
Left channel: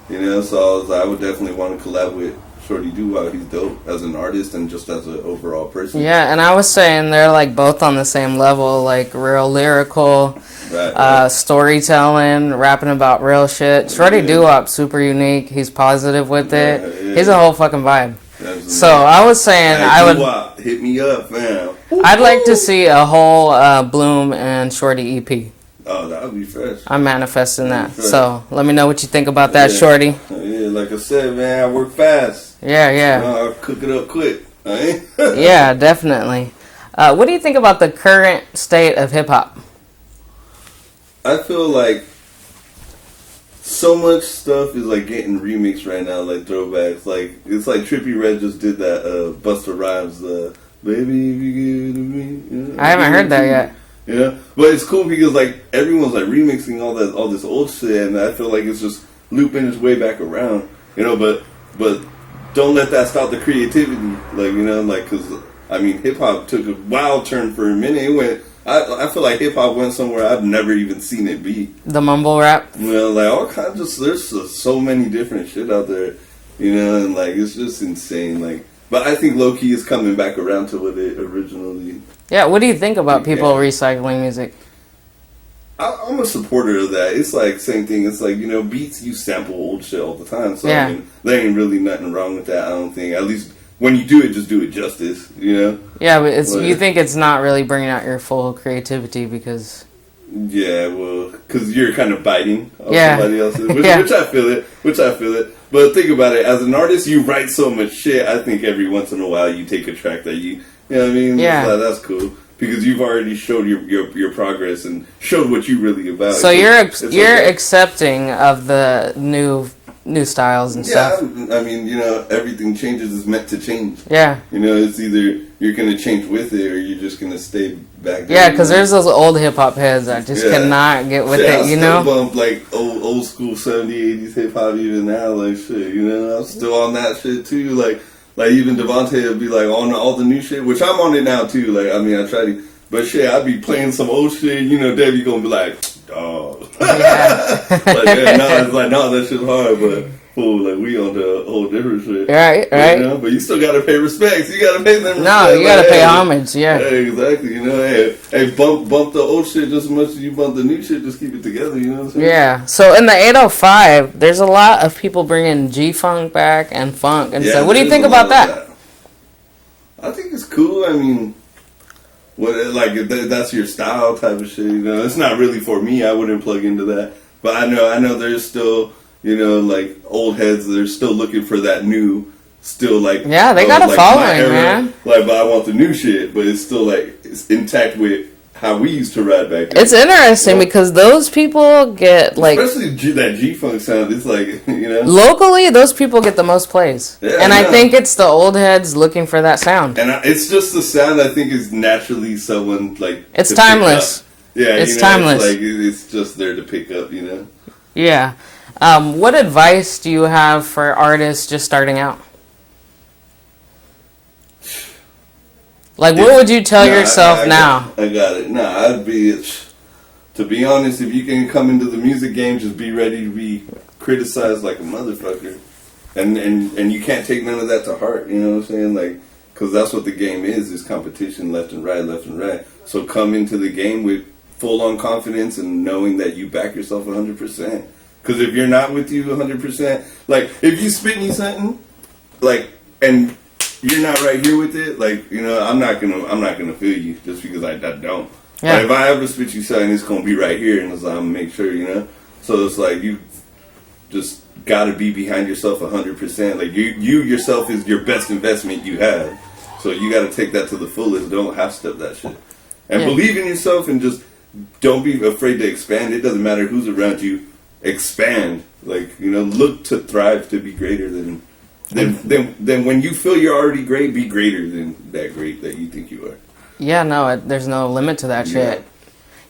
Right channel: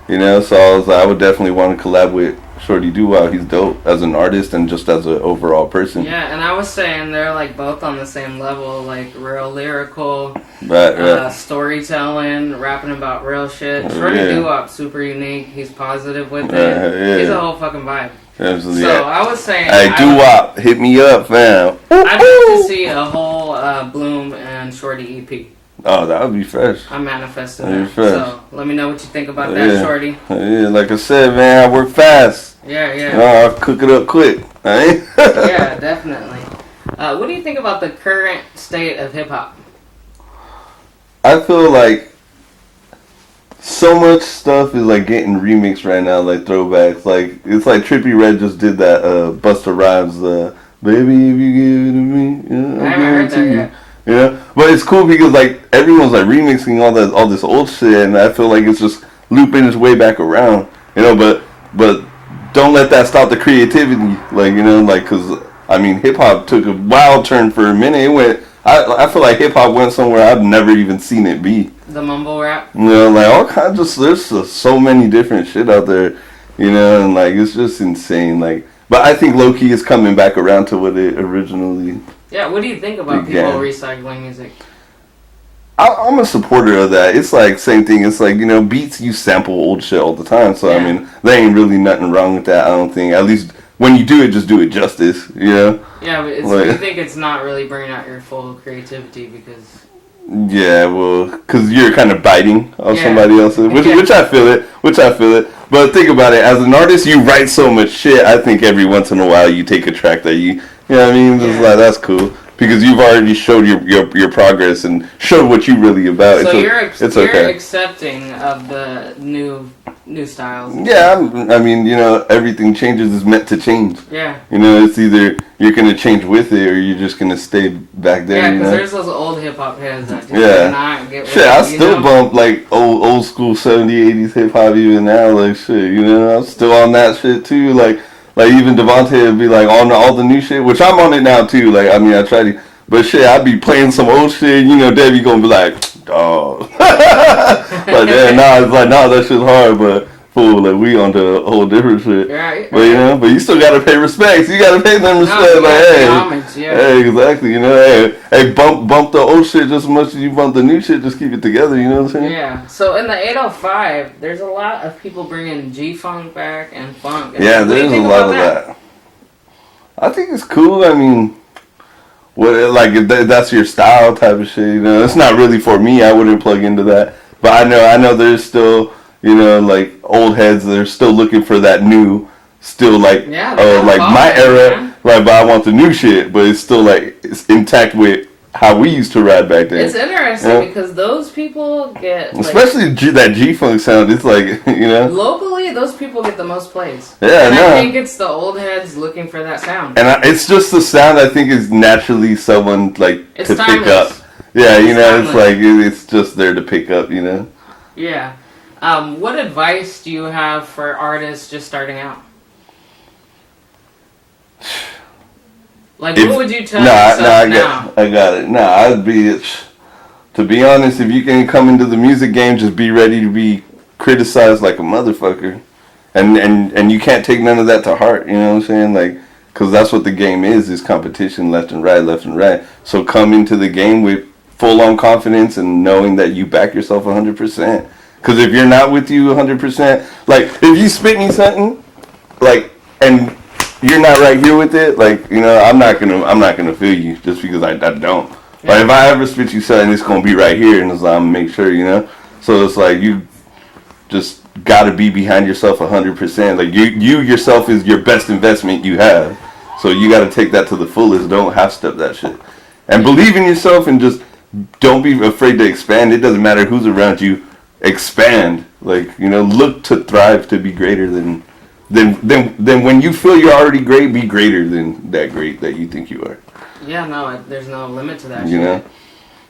You know, so I was like, I would definitely want to collab with Shorty Doo-Wop. He's dope as an artist and just as an overall person. Yeah, and I was saying they're like both on the same level, like real lyrical, right. Storytelling, rapping about real shit. Shorty Doo-Wop, super unique. He's positive with it. Yeah. He's a whole fucking vibe. Absolutely. So I was saying, hey, Doo-Wop, hit me up, fam. I'd like to see a whole Bloom and Shorty EP. Oh, that would be fresh. I'm manifesting that. So let me know what you think about that, Shorty. Yeah, like I said, man, I work fast. Yeah. I'll cook it up quick. Yeah, definitely. What do you think about the current state of hip hop? I feel like so much stuff is like getting remixed right now, like throwbacks. Like it's like Trippie Redd just did that Busta Rhymes, "Baby If You Give It To Me." I haven't heard that yet. Yeah, but it's cool because like everyone's like remixing all this old shit, and I feel like it's just looping its way back around. You know, but don't let that stop the creativity. Like you know, like because I mean, hip hop took a wild turn for a minute. It went. I feel like hip hop went somewhere I've never even seen it be. The mumble rap. You know, like all kinds of there's so many different shit out there. You know, and like it's just insane. Like, but I think low key is coming back around to what it originally. Yeah, what do you think about people recycling music? I'm a supporter of that. It's like same thing. It's like you know, beats you sample old shit all the time. So I mean, there ain't really nothing wrong with that. I don't think. At least. When you do it, just do it justice, you know? Yeah, but you think it's not really bringing out your full creativity because... Yeah, well, because you're kind of biting on somebody else's, which I feel it. But think about it, as an artist, you write so much shit, I think every once in a while you take a track that you know what I mean? Yeah. Like, that's cool. Because you've already showed your progress and showed what you really about. So you're accepting of the new styles and stuff. Yeah, I mean, you know, everything changes is meant to change. Yeah. You know, it's either you're going to change with it or you're just going to stay back there. Yeah, because there's those old hip-hop heads that just cannot get with it, I still bump, like, old school 70s, 80s hip-hop even now, like, shit, you know? I'm still on that shit, too, like even Devontae would be, like, on all the new shit, which I'm on it now, too, like, I mean, I try to, but shit, I'd be playing some old shit, you know, Debbie gonna be like, oh. But yeah, it's like, that shit's hard, but fool, like we on to a whole different shit. Right. You know, but you still gotta pay respects. You gotta pay them respect. No, you gotta pay homage, Hey, exactly. You know, hey, bump the old shit just as much as you bump the new shit. Just keep it together. You know what I'm saying? Yeah. So in the 805, there's a lot of people bringing G-Funk back and funk. And so what do you think about that? I think it's cool. I mean, if that's your style type of shit. You know, it's not really for me. I wouldn't plug into that. But I know there's still. You know, like old heads, they're still looking for that new, still like they gotta like follow my era, man. Like, but I want the new shit, but it's still like it's intact with how we used to ride back then. It's interesting because those people get like, especially that G-Funk sound. It's like you know, locally those people get the most plays. Yeah, and I think it's the old heads looking for that sound. And it's just the sound I think is naturally someone like it's to timeless. Pick up. Yeah, it's you know, timeless. It's like it's just there to pick up. You know. Yeah. What advice do you have for artists just starting out? Like, what would you tell yourself now? I got it. I'd be, to be honest, if you can come into the music game, just be ready to be criticized like a motherfucker. And you can't take none of that to heart, you know what I'm saying? Like, because that's what the game is competition left and right. So come into the game with full-on confidence and knowing that you back yourself 100%. Because if you're not with you 100%, like, if you spit me something, like, and you're not right here with it, like, you know, I'm not gonna feel you just because I don't. Yeah. Like, if I ever spit you something, it's gonna be right here, and it's like, I'm gonna make sure, you know. So it's like you just gotta be behind yourself 100%. Like you yourself is your best investment you have. So you gotta take that to the fullest. Don't half step that shit, and believe in yourself, and just don't be afraid to expand. It doesn't matter who's around you. Expand, like, you know, look to thrive, to be greater than when you feel you're already great, be greater than that great that you think you are. Yeah, no, there's no limit to that shit.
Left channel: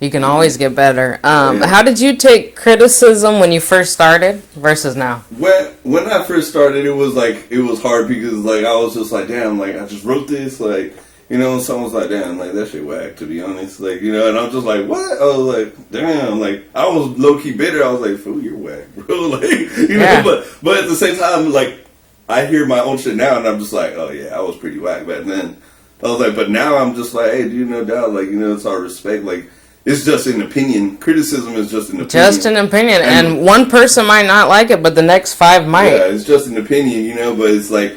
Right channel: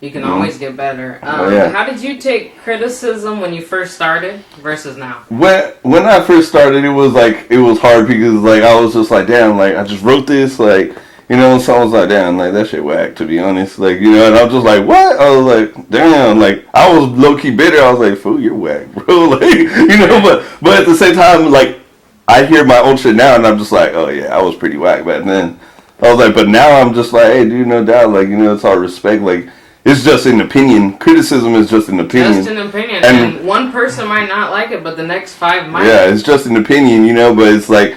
You can always get better. How did you take criticism when you first started versus now? When I first started, it was hard because like I was just like, damn, like I just wrote this, like, you know, and someone was like, damn, like that shit whack, to be honest, like, you know, and I was just like, what? I was like, damn, like I was low key bitter. I was like, fool, you're whack, bro, like, you know, but at the same time, like I hear my own shit now, and I'm just like, oh yeah, I was pretty whack back then. I was like, but now I'm just like, hey, dude, no doubt, like, you know, it's all respect, like. It's just an opinion. Criticism is just an opinion. Just an opinion. And one person might not like it, but the next 5 might. Yeah, it's just an opinion, you know, but it's like,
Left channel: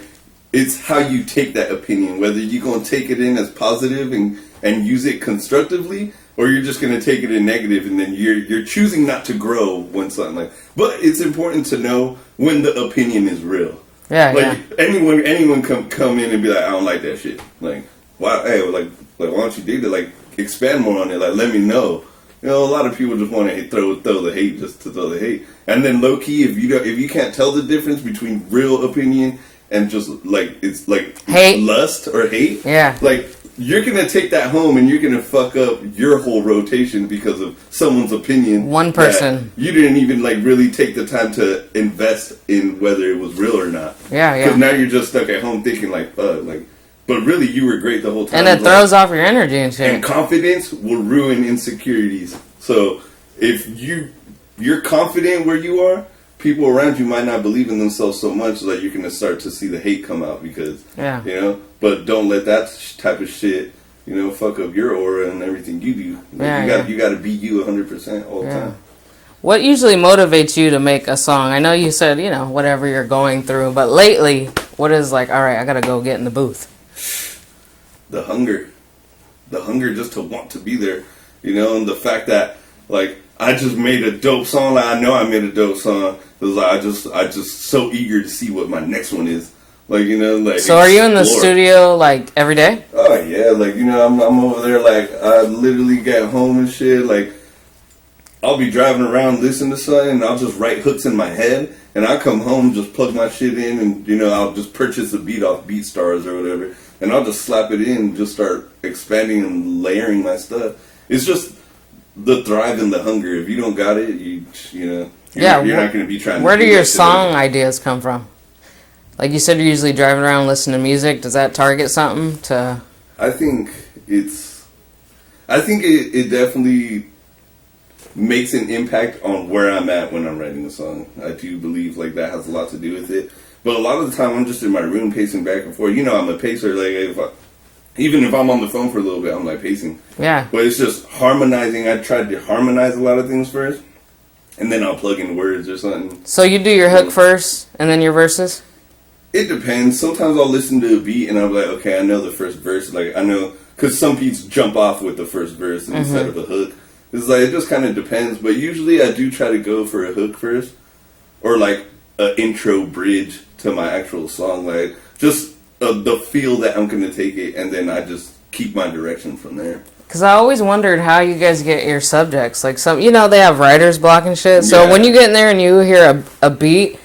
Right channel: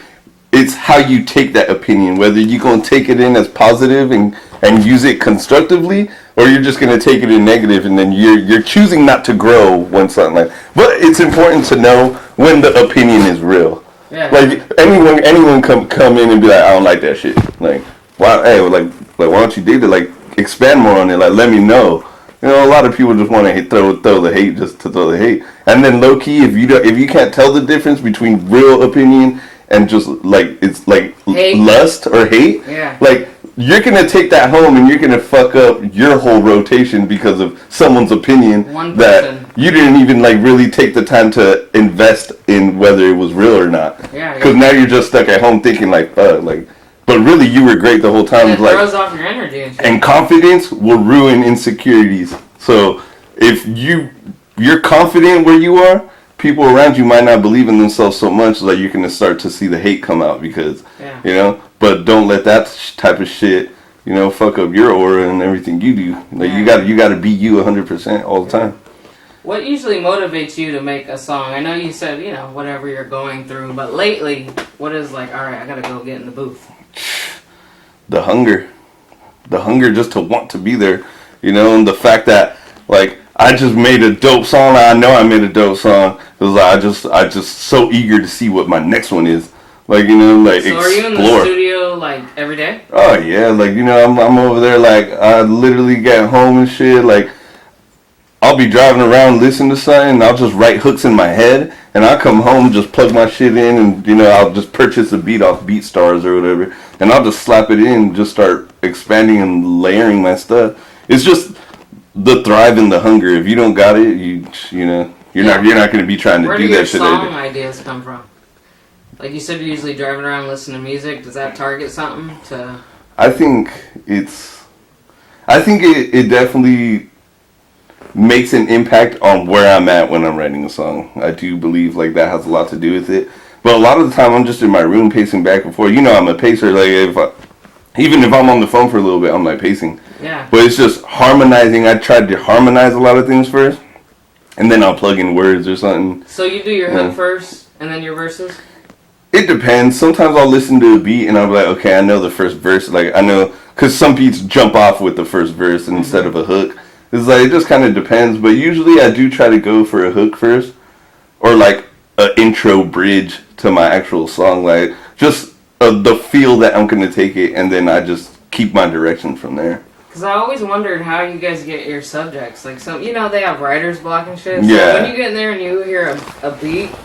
it's how you take that opinion. Whether you're going to take it in as positive and use it constructively, or you're just going to take it in negative, and then you're choosing not to grow when something like. But it's important to know when the opinion is real. Yeah. Like, anyone come in and be like, I don't like that shit. Like, why, hey, like why don't you dig it? Like, expand more on it, like let me know. You know, a lot of people just want to throw the hate just to throw the hate, and then low key, if you can't tell the difference between real opinion and just like it's like hate. Lust or hate, like you're gonna take that home and you're gonna fuck up your whole rotation because of someone's opinion. One person that you didn't even like really take the time to invest in whether it was real or not. Because now you're just stuck at home thinking like, fuck, like. But really, you were great the whole time. And it throws off your energy and shit. And confidence will ruin insecurities. So if you're confident where you are, people around you might not believe in themselves so much that you're going to start to see the hate come out because, you know. But don't let that type of shit, you know, fuck up your aura and everything you do. Like you got to be you 100% all the time. What usually motivates you to make a song? I know you said, you know, whatever you're going through, but lately, what is like, all right, I got to go get in the booth? The hunger just to want to be there, you know, and the fact that like I just made a dope song. I know I made a dope song. It was like I just so eager to see what my next one is. Like, you know, like so explore. Are you in the studio like every day? Oh yeah, like, you know, I'm over there like I literally get home and shit. Like I'll be driving around listening to something and I'll just write hooks in my head and I'll come home, just plug my shit in and, you know, I'll just purchase a beat off BeatStars or whatever and I'll just slap it in and just start expanding and layering my stuff. It's just the thrive and the hunger. If you don't got it, you know, you're not going to be trying to do that. Where do your song ideas come from? Like you said, you're usually driving around listening to music. Does that target something to... I think it definitely makes an impact on where I'm at when I'm writing a song. I do believe like that has a lot to do with it. But a lot of the time I'm just in my room pacing back and forth. You know, I'm a pacer. Like even if I'm on the phone for a little bit, I'm like pacing. Yeah. But it's just harmonizing. I tried to harmonize a lot of things first, and then I'll plug in words or something. So you do your hook first and then your verses? It depends. Sometimes I'll listen to a beat and I'll be like, okay, I know the first verse. Like I know, because some beats jump off with the first verse instead of a hook. It's like, it just kind of depends, but usually I do try to go for a hook first, or like an intro bridge to my actual song, like just the feel that I'm gonna take it, and then I just keep my direction from there. Cause I always wondered how you guys get your subjects, like some, you know, they have writer's block and shit. So when you get in there and you hear a beat,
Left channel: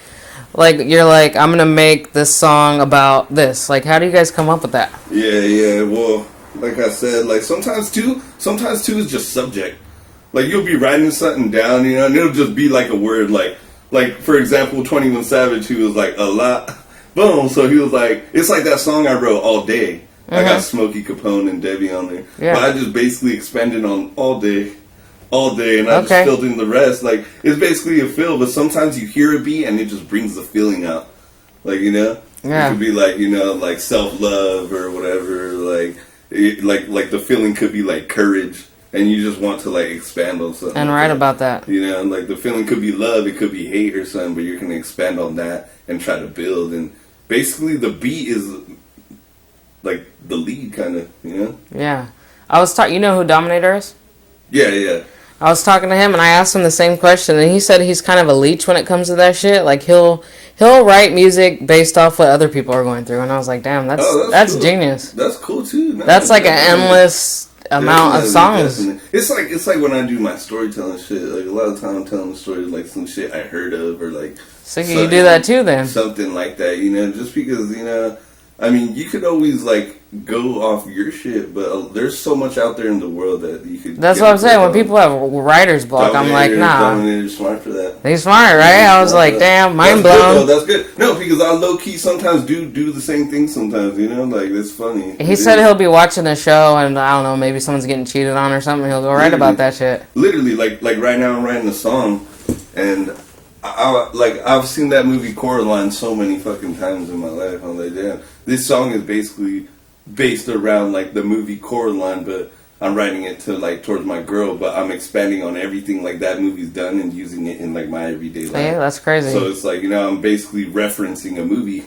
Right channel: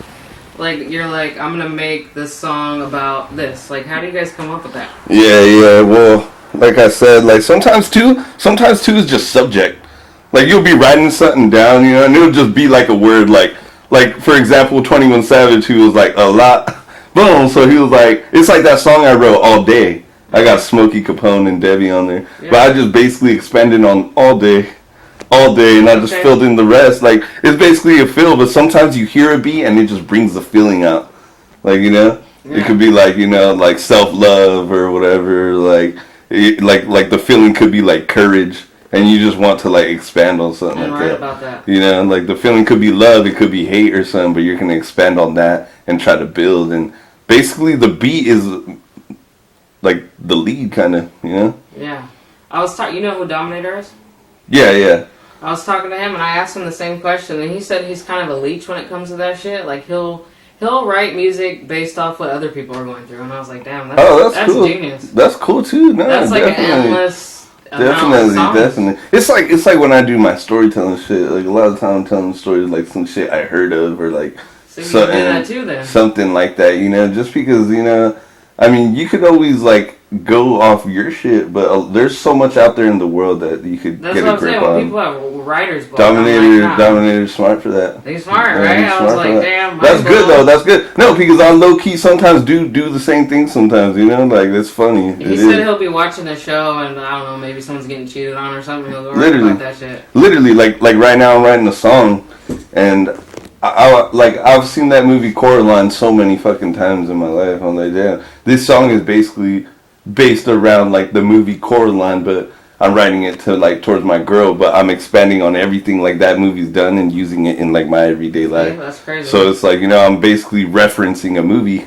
like you're like, I'm gonna make this song about this. Like, how do you guys come up with that? Yeah. Well, like I said, like sometimes too is just subject. Like, you'll be writing something down, you know, and it'll just be like a word, like for example, 21 Savage, who was like, a lot, boom, so he was like, it's like that song I wrote, All Day. I got Smokey Capone and Debbie on there. Yeah. But I just basically expanded on all day, and I just filled in the rest. Like, it's basically a feel, but sometimes you hear a beat and it just brings the feeling out. Like, you know? Yeah. It could be like, you know, like self-love or whatever, like the feeling could be like courage. And you just want to, like, expand on something. And write about that. You know, like, the feeling could be love, it could be hate or something, but you're going to expand on that and try to build. And basically, the beat is, like, the lead, kind of, you know? Yeah. I was talking, you know who Dominator is? Yeah. I was talking to him, and I asked him the same question, and he said he's kind of a leech when it comes to that shit. Like, he'll write music based off what other people are going through. And I was like, damn, that's cool. Genius. That's cool, too. No, that's like an endless... amount of songs. Definitely. It's like when I do my storytelling shit. Like a lot of time I'm telling stories like some shit I heard of or like. So you do that too then. Something like that, you know, just because, you know, I mean, you could always like go off your shit, but there's so much out there in the world that you could. That's what I'm saying. When people have writer's block, I'm like, nah. Dominator's smart for that. He's smart, right? I was like, damn, mind blown. That's good though. That's good. No, because I low key sometimes do the same thing. Sometimes, you know, like that's funny. He said he'll be watching a show, and I don't know, maybe someone's getting cheated on or something. He'll go write about that shit. Literally, like right now, I'm writing a song, and I've seen that movie Coraline so many fucking times in my life. I'm like, damn, this song is basically based around like the movie Coraline, but I'm writing it to like towards my girl, but I'm expanding on everything like that movie's done and using it in like my everyday life. Yeah, that's crazy. So it's like, you know, I'm basically referencing a movie,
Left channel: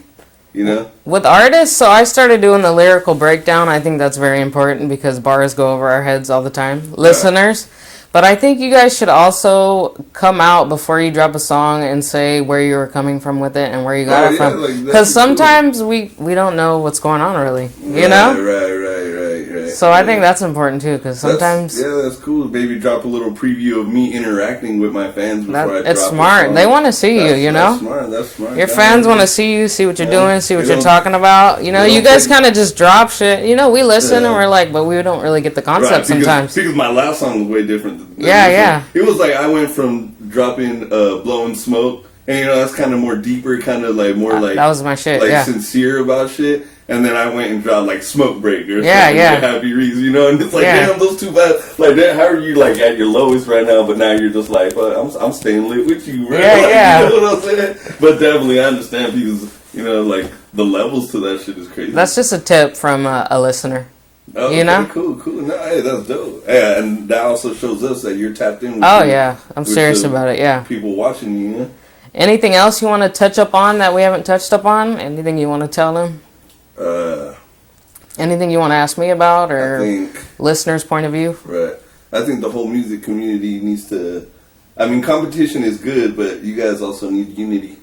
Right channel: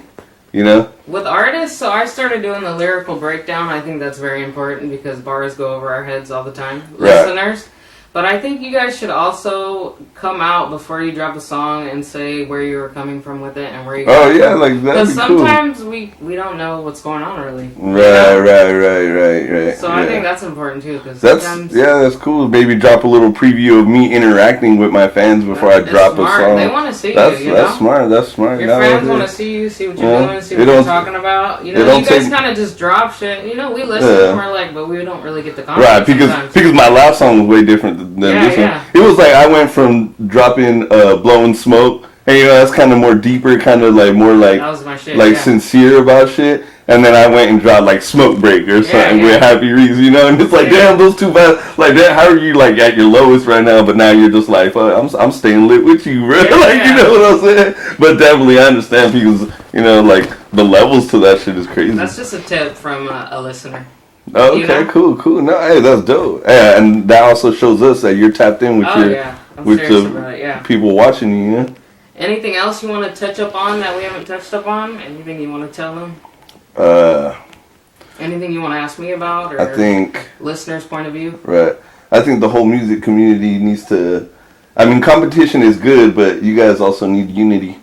you know? With artists, so I started doing the lyrical breakdown. I think that's very important because bars go over our heads all the time. Right. Listeners. But I think you guys should also come out before you drop a song and say where you were coming from with it and where you got it from. Like, because sometimes we don't know what's going on really. Right, you know? Right. So I think that's important too, because sometimes... Yeah, that's cool. Maybe drop a little preview of me interacting with my fans before I drop smart. a song. They want to see you, you know? That's smart. Your fans want to see you, see what you're doing, see what you're talking about. You know, you guys kind of just drop shit. You know, we listen and we're like, but we don't really get the concept sometimes. Because my last song was way different than this one. It was like I went from dropping Blowing Smoke, and you know that's kind of more deeper, kind of like more like that was my shit, like sincere about shit. And then I went and dropped like Smoke Break or something with Happy Reeves, you know. And it's like, damn, those two bad. Like, damn, how are you like at your lowest right now? But now you're just like, I'm staying lit with you, bro. You know what I'm saying? But definitely, I understand because you know, like the levels to that shit is crazy. That's just a tip from a listener. Oh, okay, you know? Cool. No, hey, that's dope. Yeah, and that also shows us that you're tapped in with I'm serious about it, people watching you, you know? Anything else you want to touch up on that we haven't touched up on? Anything you want to tell them? Anything you want to ask me about, or I think listeners' point of view? Right. I think the whole music community needs to... I mean, competition is good, but you guys also need unity.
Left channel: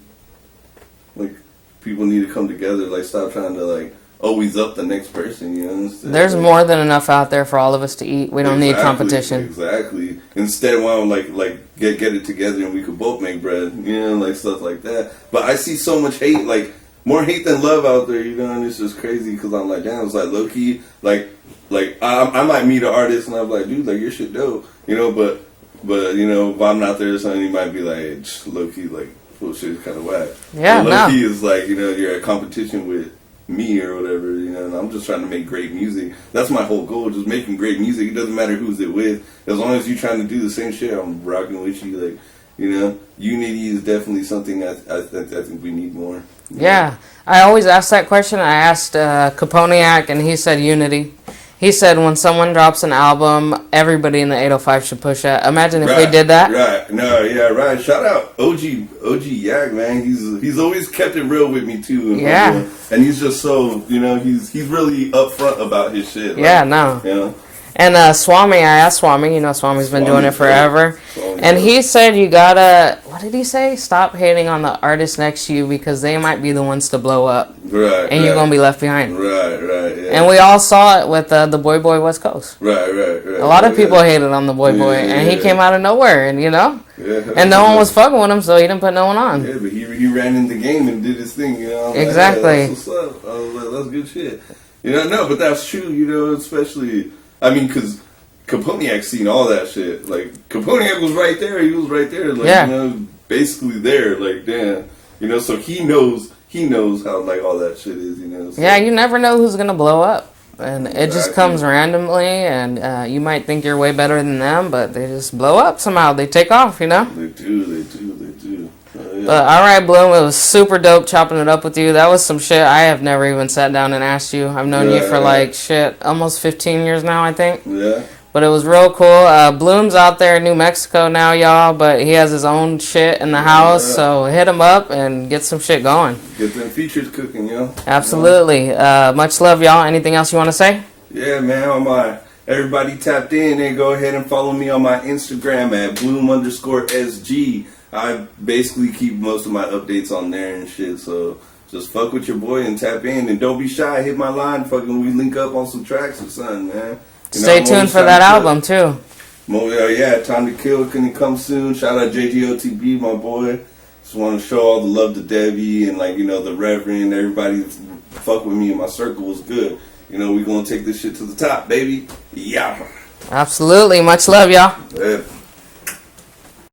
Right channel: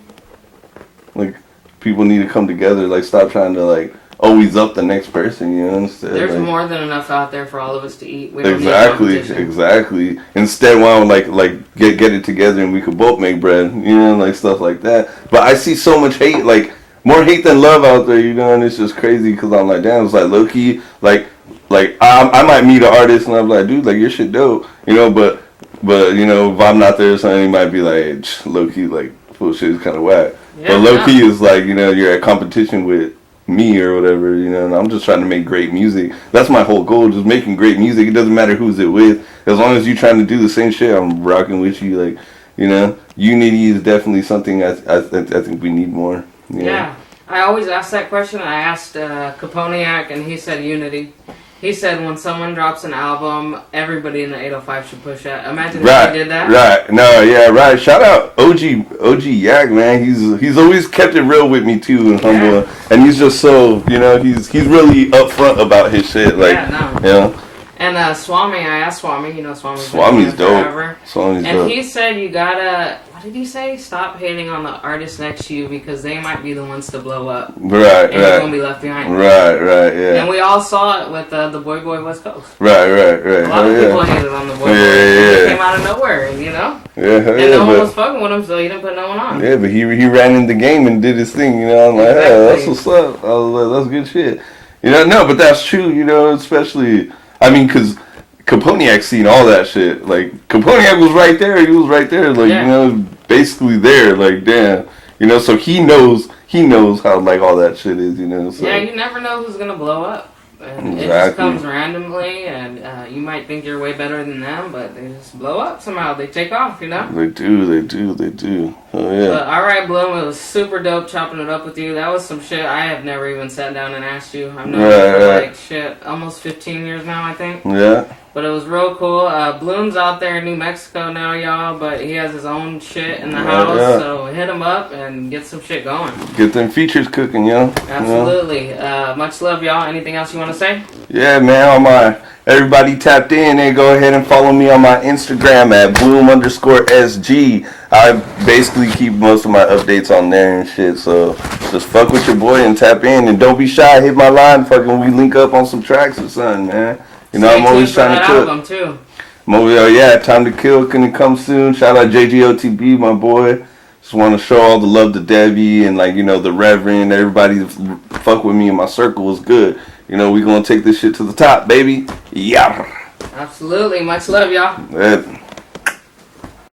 Like, people need to come together. Like, stop trying to, like, always up the next person, you know? Instead, there's like, more than enough out there for all of us to eat. We don't need competition. Exactly. Instead, why don't like get it together and we could both make bread, you know, like stuff like that. But I see so much hate, like more hate than love out there, you know, and it's just crazy because I'm like, damn, it's like low key, like I might meet an artist and I'm like, dude, like your shit dope, you know, but you know, if I'm not there or something, he might be like, low key, like bullshit is kind of whack. Yeah, but low key is like, you know, you're at competition with me or whatever, you know, and I'm just trying to make great music. That's my whole goal, just making great music. It doesn't matter who's it with. As long as you're trying to do the same shit, I'm rocking with you. Like, you know, unity is definitely something I think we need more. Yeah. I always ask that question. I asked Caponiac, and he said unity. He said when someone drops an album, everybody in the 805 should push that. Imagine if we did that. Right. No, yeah, right. Shout out OG Yak, man. He's always kept it real with me too, and he's just so, you know, he's really upfront about his shit. Like, yeah. And Swami, I asked Swami, you know, Swami's been doing it forever. He said you gotta, what did he say? Stop hating on the artist next to you because they might be the ones to blow up. Right, and you're gonna be left behind. Right, yeah. And we all saw it with the Boyboy West Coast. Right. A lot of people hated on the Boyboy, and he came out of nowhere, and you know? And no one was fucking with him, so he didn't put no one on. Yeah, but he ran in the game and did his thing, you know? I'm like, exactly. Hey, that's what's up. I was like, that's good shit. You know, no, but that's true, you know, especially... I mean, because Caponiac seen all that shit. Like, Caponiac was right there. He was right there. Like, you know, basically there. Like, damn. You know, so he knows how, like, all that shit is, you know. So. Yeah, you never know who's going to blow up. And it just comes randomly, and you might think you're way better than them, but they just blow up somehow. They take off, you know? They do. Oh, yeah. But, all right, Bloom, it was super dope chopping it up with you. That was some shit I have never even sat down and asked you. I've known you for, like, almost 15 years now, I think. Yeah. But it was real cool. Bloom's out there in New Mexico now, y'all, but he has his own shit in the house, so hit him up and get some shit going. Get them features cooking, yo. Absolutely. You know? Much love, y'all. Anything else you want to say? Yeah, man, everybody tapped in, and go ahead and follow me on my Instagram at Bloom_SG. I basically keep most of my updates on there and shit, so just fuck with your boy and tap in, and don't be shy. Hit my line, fucking we link up on some tracks or something, man. You know, stay tuned for that album, too. Time to Kill, can it come soon? Shout out JGOTB, my boy. Just want to show all the love to Debbie and like, you know, the Reverend, everybody that fuck with me in my circle was good. You know, we gonna take this shit to the top, baby. Yeah. Absolutely. Much love, y'all.